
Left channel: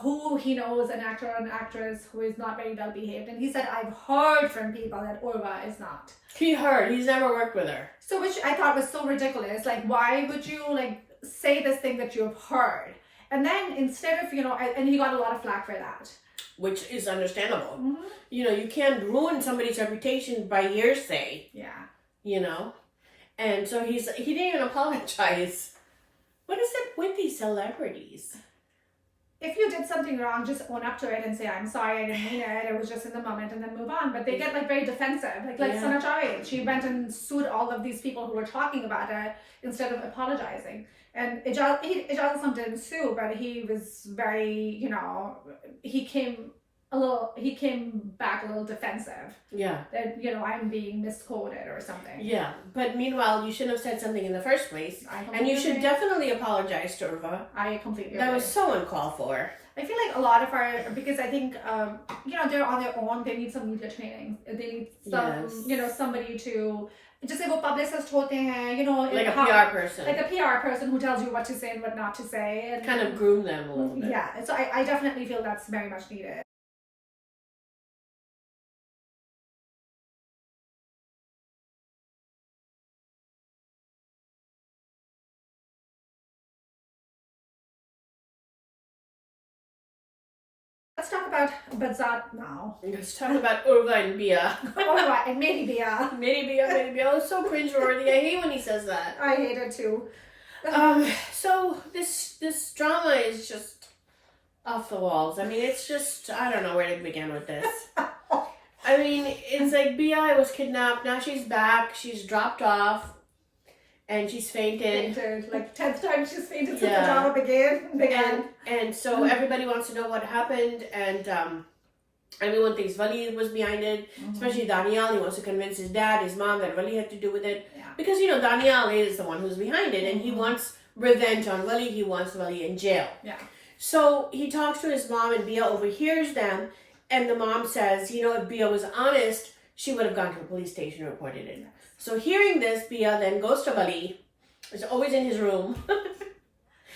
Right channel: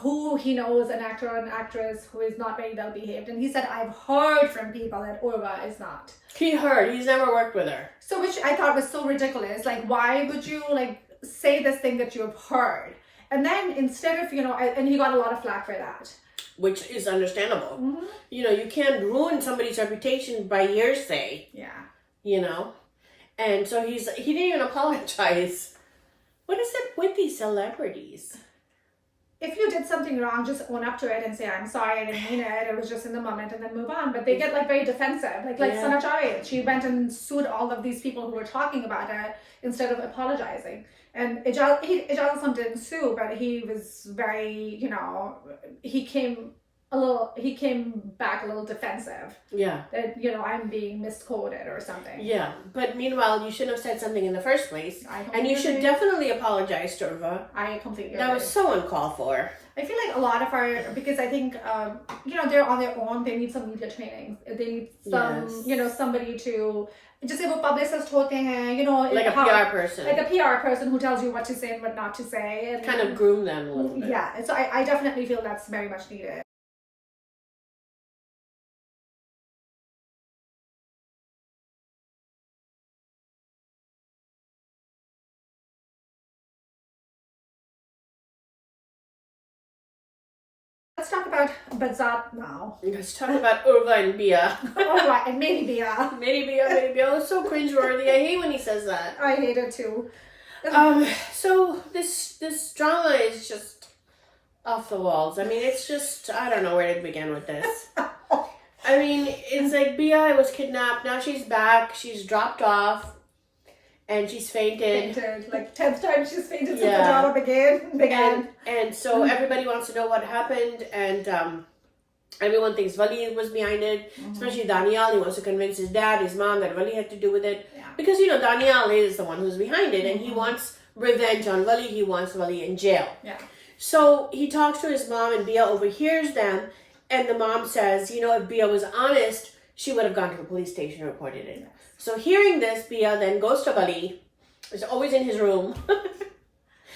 who he knows, an actor or an actress who is not very well behaved. And he said, I've heard from people that Urva is not. He heard. He's never worked with her. So which I thought was so ridiculous. Like, why would you say this thing that you've heard? And then instead of, and he got a lot of flack for that. Which is understandable. You can't ruin somebody's reputation by hearsay. Yeah. And so he didn't even apologize. What is it with these celebrities? If you did something wrong, just own up to it and say, I'm sorry, I didn't mean it. It was just in the moment, and then move on. But they get very defensive. Like Sana Chai, she went and sued all of these people who were talking about it instead of apologizing. And Laa.Azlan didn't sue, but he was very, he came back a little defensive. Yeah. That, I'm being misquoted or something. Yeah. But meanwhile, you shouldn't have said something in the first place. And you should definitely apologize to Urva. I completely agree. That was so uncalled for. I feel like a lot of because I think, they're on their own. They need some media training. They need some, somebody to... Just वो publicist होते हैं, like a PR person. Like a PR person who tells you what to say and what not to say. And kind of groom them a little bit. Yeah. So I definitely feel that's very much needed. Let's talk about Badzaat now. Let's talk about Urva and Bia. All right, and maybe Bia. Maybe Bia. It was so cringeworthy. I hate when he says that. I hate it too. So this drama is just off the walls. I mean, it's just, I don't know where to begin with this. I mean, it's like Bia was kidnapped. Now she's back. She's dropped off. And she's fainted. Like 10th time she's fainted since the drama began. And so everybody wants to know what happened. And everyone thinks Wali was behind it. Especially Daniel. He wants to convince his dad, his mom, that Wali had to do with it. Yeah. Because, Daniel is the one who's behind it. And he wants revenge on Wali. He wants Wali in jail. Yeah. So he talks to his mom, and Bia overhears them. And the mom says, if Bia was honest, she would have gone to the police station and reported it. So hearing this, Bia then goes to Wali. Is always in his room.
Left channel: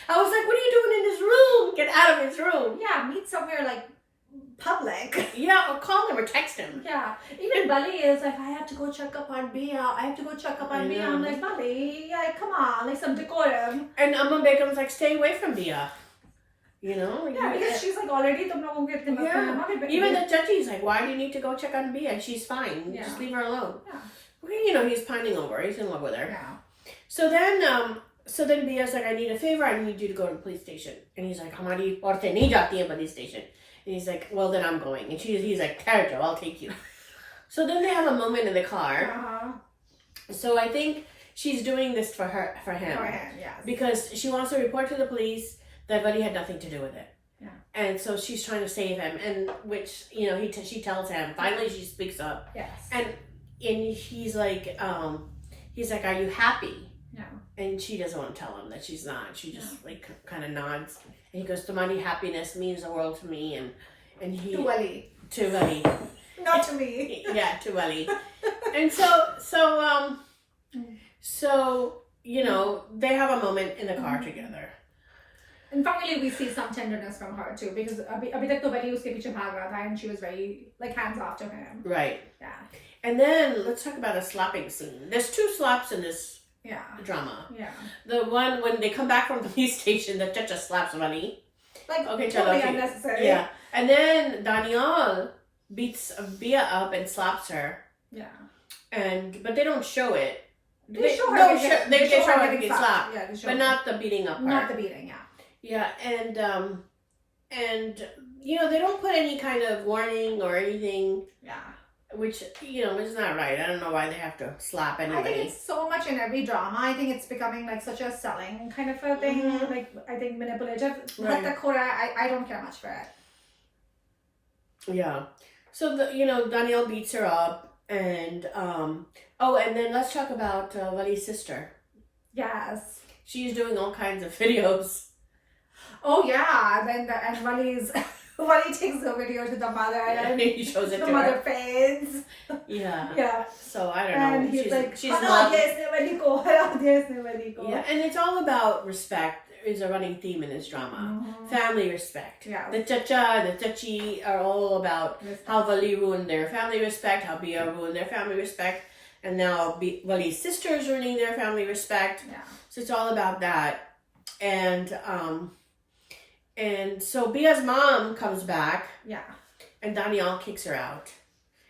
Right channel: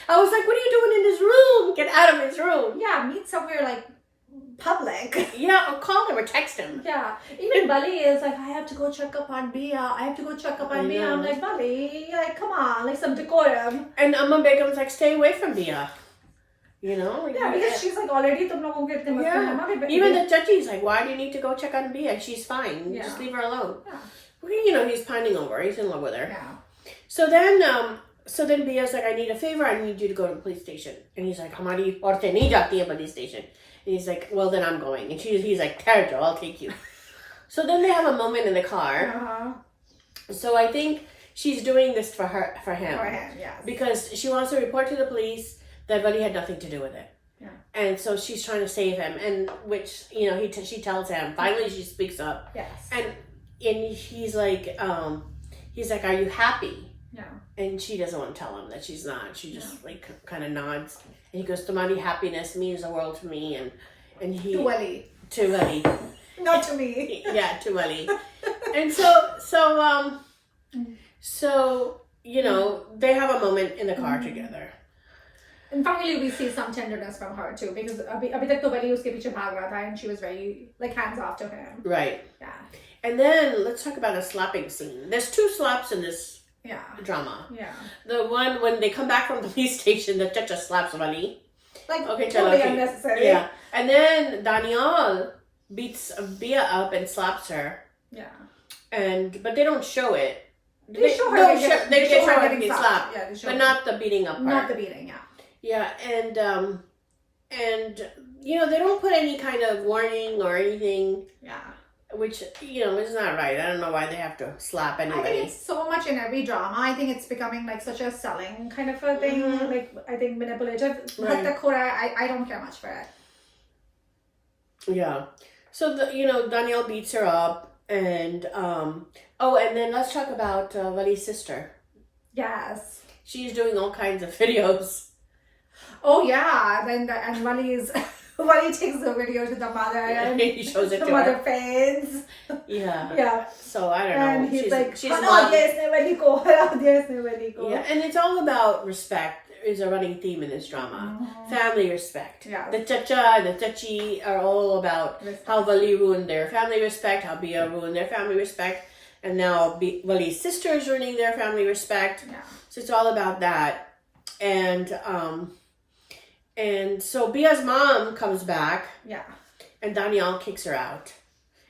I was like, what are you doing in his room? Get out of his room. Yeah, meet somewhere like public. Yeah, or call him or text him. Yeah. Even Bali is like, I have to go check up on Bia. Bia. I'm like, Bali, like, come on, like some decorum. And Amma Begum's like, stay away from Bia. Yeah, because she's like already tum logon ke itne mat karna. Even the judge's like, why do you need to go check on Bia? She's fine. Yeah. Just leave her alone. Yeah. He's pining over her. He's in love with her. Yeah. So then Bia's like, I need a favor. I need you to go to the police station. And he's like, Hamari aurtein nahi jati hai police station. And he's like, well, then I'm going. And he's like, Terjo, I'll take you. So then they have a moment in the car. So I think she's doing this for him. For him, yeah. Because she wants to report to the police that Buddy had nothing to do with it. Yeah. And so she's trying to save him. And which, she tells him. Finally, she speaks up. Yes. And he's like, are you happy? Yeah. And she doesn't want to tell him that she's not. She just kind of nods. And he goes, Tamari, happiness means the world to me. And he... To Wali. To Wali. Not to me. Yeah, to Wali. And so, they have a moment in the car together. And finally, we see some tenderness from her too, because abhi tak to Wali uske piche bhag raha tha, and she was very hands off to him. Right. Yeah. And then let's talk about a slapping scene. There's 2 slaps in this drama. Yeah. The one when they come back from the police station, the Chacha slaps Wali. Like, totally unnecessary. Yeah. And then Daniel beats Bia up and slaps her. Yeah. But they don't show it. They show her getting slapped. Yeah, they show but not the beating up part. Not the beating, yeah. Yeah, and they don't put any kind of warning or anything. Yeah. Which, is not right. I don't know why they have to slap anybody. I think it's so much in every drama. I think it's becoming like such a selling kind of a thing. Like, I think manipulative. Right. I don't care much for it. Yeah. So, Danielle beats her up. And, and then let's talk about Wali's sister. Yes. She's doing all kinds of videos. Oh, yeah. And Wali takes the video to the mother and he shows it the to mother her. faints. Yeah. Yeah. So I don't know. And he's like, she's yeah. And it's all about respect. Is a running theme in this drama. Family respect. Yeah. The Chacha and the Chachi are all about how Wali ruined their family respect, how Bia ruined their family respect, and now Wali's sister is ruining their family respect. Yeah. So it's all about that. And so Bia's mom comes back. Yeah. And Daniel kicks her out.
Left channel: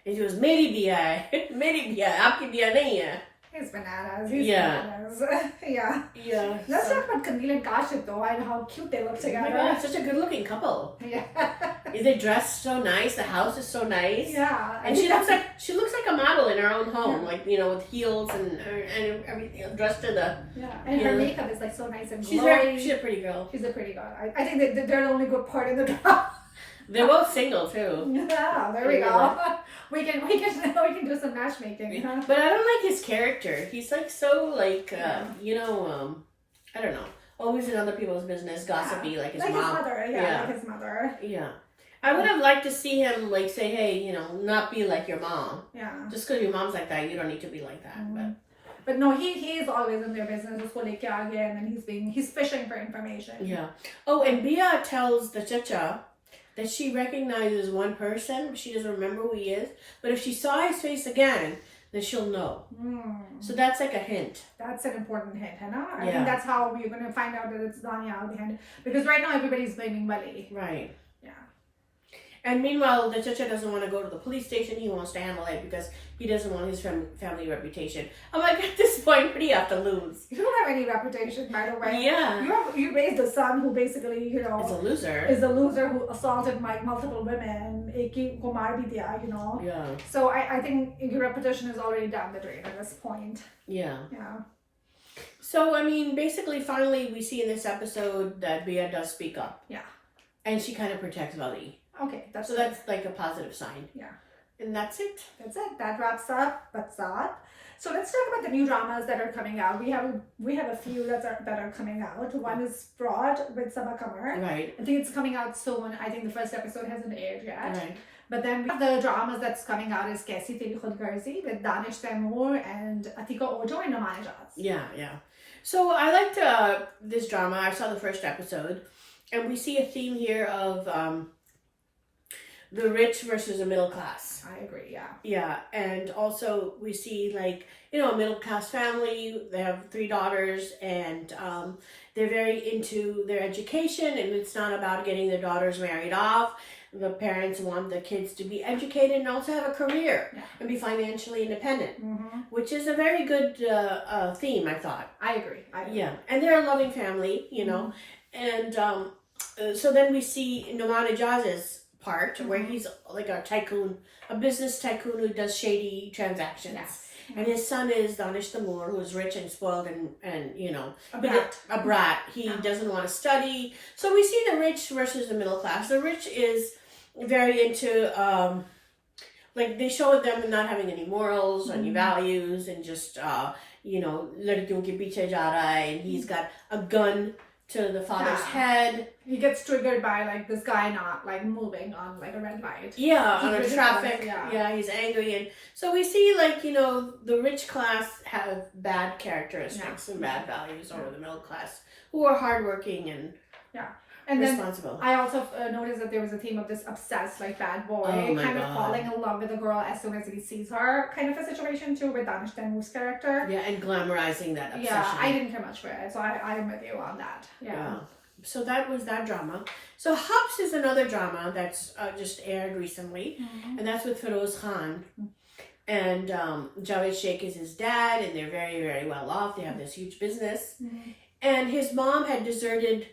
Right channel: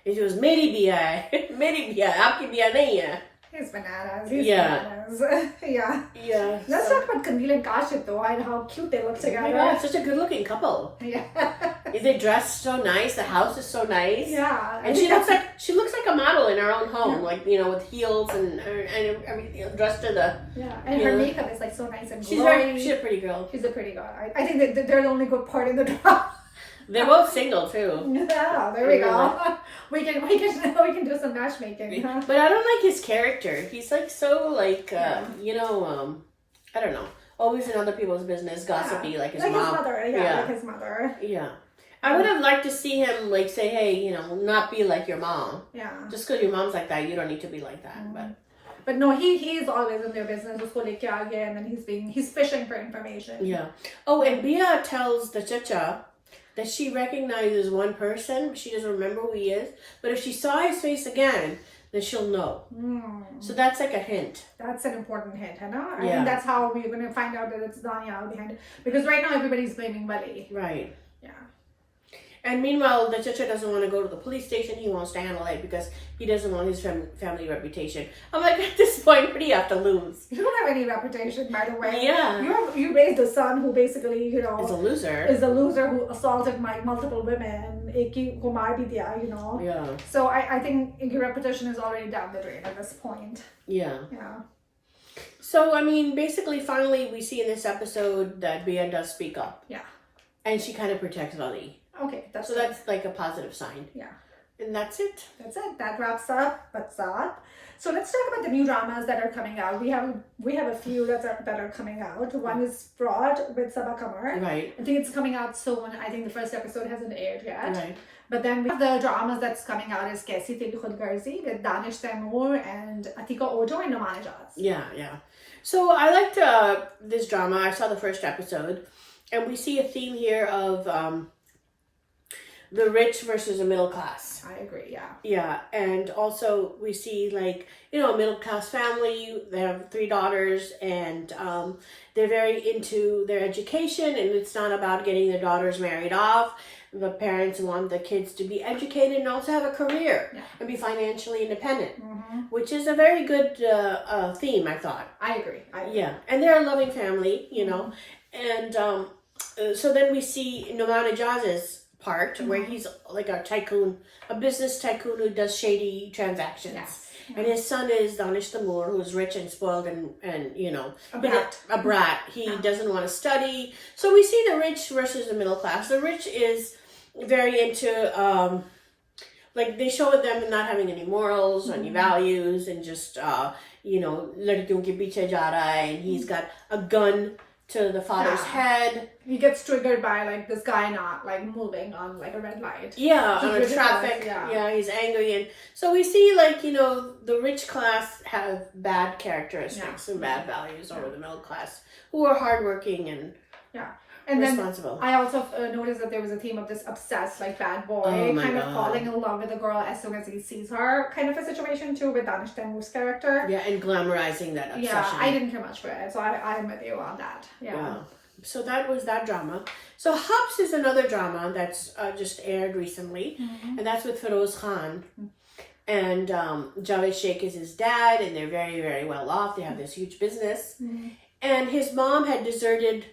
And she goes, Meri Bia hai. Meri Bia hai. Aapki Bia nahi hai. He's bananas. Bananas. Yeah. Yeah. Let's talk about Kamil and Kashif though, and how cute they look together. Yeah, such a good looking couple. Yeah. They dress so nice. The house is so nice. Yeah. And she looks like a model in her own home, like with heels and everything, dressed to the. Yeah. And her makeup is like so nice and glowy. She's a pretty girl. She's a pretty girl. I think they're the only good part in the drama. They're both single too. Yeah, there we go. We can do some matchmaking. Huh? But I don't like his character. He's like so I don't know. Always in other people's business, gossipy, like his mom. His mother, like his mother. Yeah. I would have liked to see him say, hey, not be like your mom. Yeah. Just because your mom's like that, you don't need to be like that. But no, he is always in their business. And then he's fishing for information. Yeah. Oh, and Bia tells the Chacha that she recognizes one person. She doesn't remember who he is. But if she saw his face again, then she'll know. So that's like a hint. That's an important hint, I think that's how we're going to find out that it's Daniel behind it. Because right now everybody's blaming Wali. Right. Yeah. And meanwhile, the Chacha doesn't want to go to the police station. He wants to handle it because he doesn't want his family reputation. I'm like, at this point, what do you have to lose? You don't have any reputation, by the way. Yeah. You raised a son who basically, Is a loser. Is a loser who assaulted multiple women. You know. Yeah. So I think your reputation is already down the drain at this point. Yeah. Yeah. So, I mean, basically, finally, we see in this episode that Bia does speak up. Yeah. And she kind of protects Vali. Okay, that's like a positive sign. Yeah. And that's it. That's it. That wraps up Badzaat. So let's talk about the new dramas that are coming out. We have a few that are coming out. One is Fraud with Sabah Kamar. Right. I think it's coming out soon. I think the first episode hasn't aired yet. Right. But then we have the dramas that's coming out is Kaisi Teri Khud Garzi with Danish Taimur and Atika Ojo and Noman Ijaz. Yeah, yeah. So I liked this drama. I saw the first episode. And we see a theme here of the rich versus the middle class. I agree, yeah. Yeah, and also we see like, you know, a middle class family. They have 3 daughters and they're very into their education, and it's not about getting the daughters married off. The parents want the kids to be educated and also have a career and be financially independent, which is a very good theme, I thought. I agree. Yeah, and they're a loving family, you know. And so then we see Noman Ijaz's part where he's like a tycoon, a business tycoon who does shady transactions. Yes. Yeah. And his son is Danish Taimur, who's rich and spoiled and you know, a brat. He doesn't want to study. So we see the rich versus the middle class. The rich is very into, like they show them not having any morals, any values, and just, you know, ladkiyon ke piche ja raha hai, and he's got a gun to the father's head. He gets triggered by like this guy not like moving on like a red light. Yeah, on a traffic. Yeah, he's angry, and so we see like, you know, the rich class have bad characteristics and bad values over the middle class, who are hardworking and responsible. Then I also noticed that there was a theme of this obsessed like bad boy kind of falling in love with a girl as soon as he sees her, kind of a situation too with Danish Taimur's character. Yeah, and glamorizing that obsession. Yeah, I didn't care much for it, so I'm with you on that. Yeah. So that was that drama. So Hubs is another drama that's just aired recently, and that's with Feroz Khan. And Javed Sheikh is his dad, and they're very, very well off. They have this huge business. And his mom had deserted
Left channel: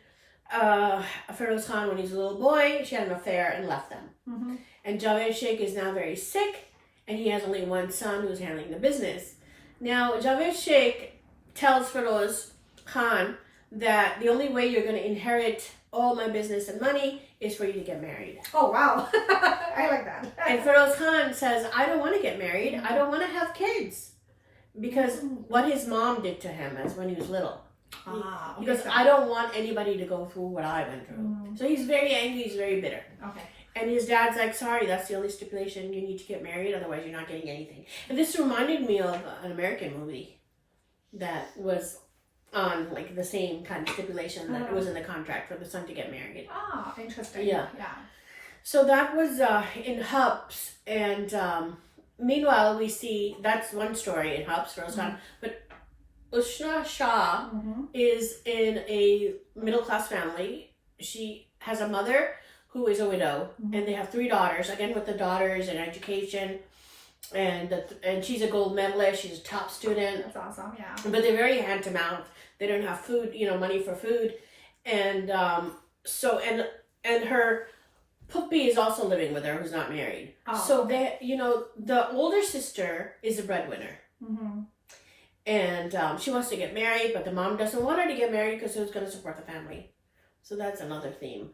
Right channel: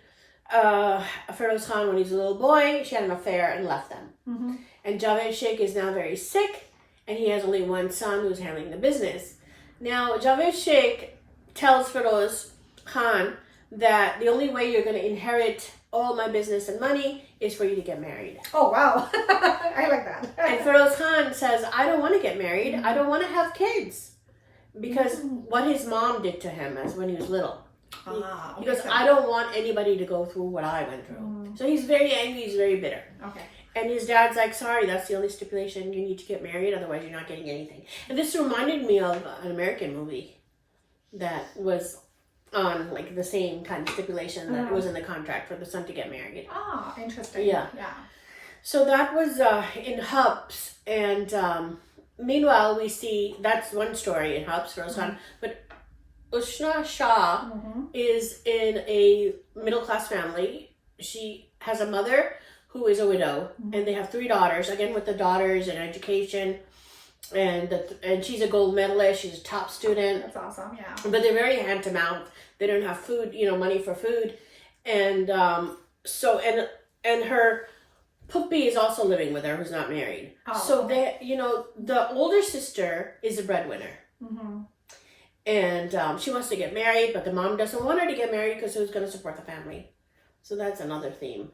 Feroz Khan when he was a little boy. She had an affair and left them. And Javed Sheikh is now very sick, and he has only one son who's handling the business. Now, Javed Sheikh tells Feroz Khan that the only way you're going to inherit all my business and money is for you to get married. Oh, wow. I like that. And Feroz Khan says, I don't want to get married. I don't want to have kids. Because what his mom did to him as when he was little. Because I don't want anybody to go through what I went through. So he's very angry, he's very bitter. Okay. And his dad's like, sorry, that's the only stipulation. You need to get married, otherwise you're not getting anything. And this reminded me of an American movie that was on like the same kind of stipulation that was in the contract for the son to get married. Ah, interesting. Yeah. So that was in Hubs, and meanwhile we see, that's one story in Hubs, Feroz Khan, but Ushna Shah is in a middle-class family. She has a mother who is a widow, and they have 3 daughters, again with the daughters in education, and she's a gold medalist, she's a top student. That's awesome, yeah. But they're very hand-to-mouth. They don't have food, you know, money for food. And and her puppy is also living with her, who's not married. They, you know, the older sister is a breadwinner. And she wants to get married, but the mom doesn't want her to get married because who's going to support the family? So that's another theme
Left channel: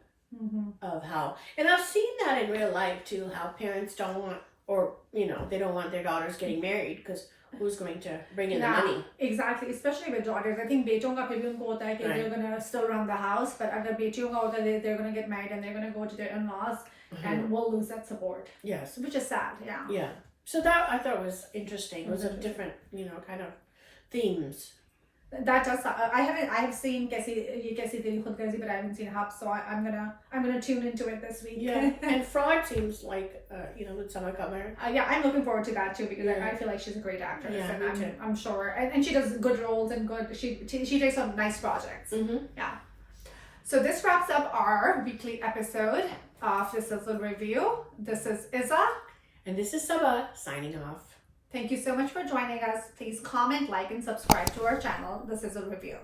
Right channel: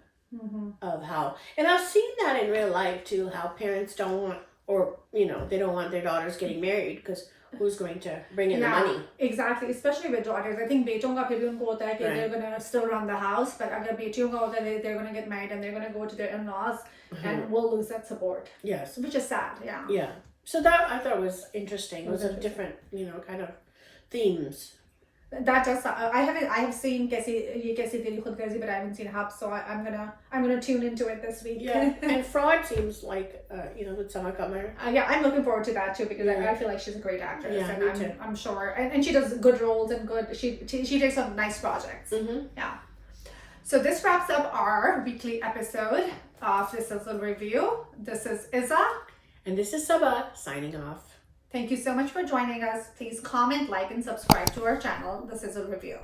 of how, and I've seen that in real life too, how parents don't want, or, you know, they don't want their daughters getting married because who's going to bring in the money? Exactly, especially with daughters. I think बेटों का फिर भी उनको होता है कि they're going to still run the house, but अगर बेटियों का होता है they're going to get married and they're going to go to their in-laws and we'll lose that support. Yes. Which is sad, Yeah. So that I thought was interesting. It was a different, you know, kind of themes. That does. I have seen Kaisi Teri Khud Garzi, but I haven't seen Hub, so I'm gonna tune into it this week. Yeah, and Fraud seems like you know, with Sabah Kamar. Yeah, I'm looking forward to that too because I feel like she's a great actress, and I'm sure, and she does good roles and good. She takes on nice projects. Yeah. So this wraps up our weekly episode of the Sizzle Review. This is Izza. And this is Saba signing off. Thank you so much for joining us. Please comment, like, and subscribe to our channel, The Sizzle Review.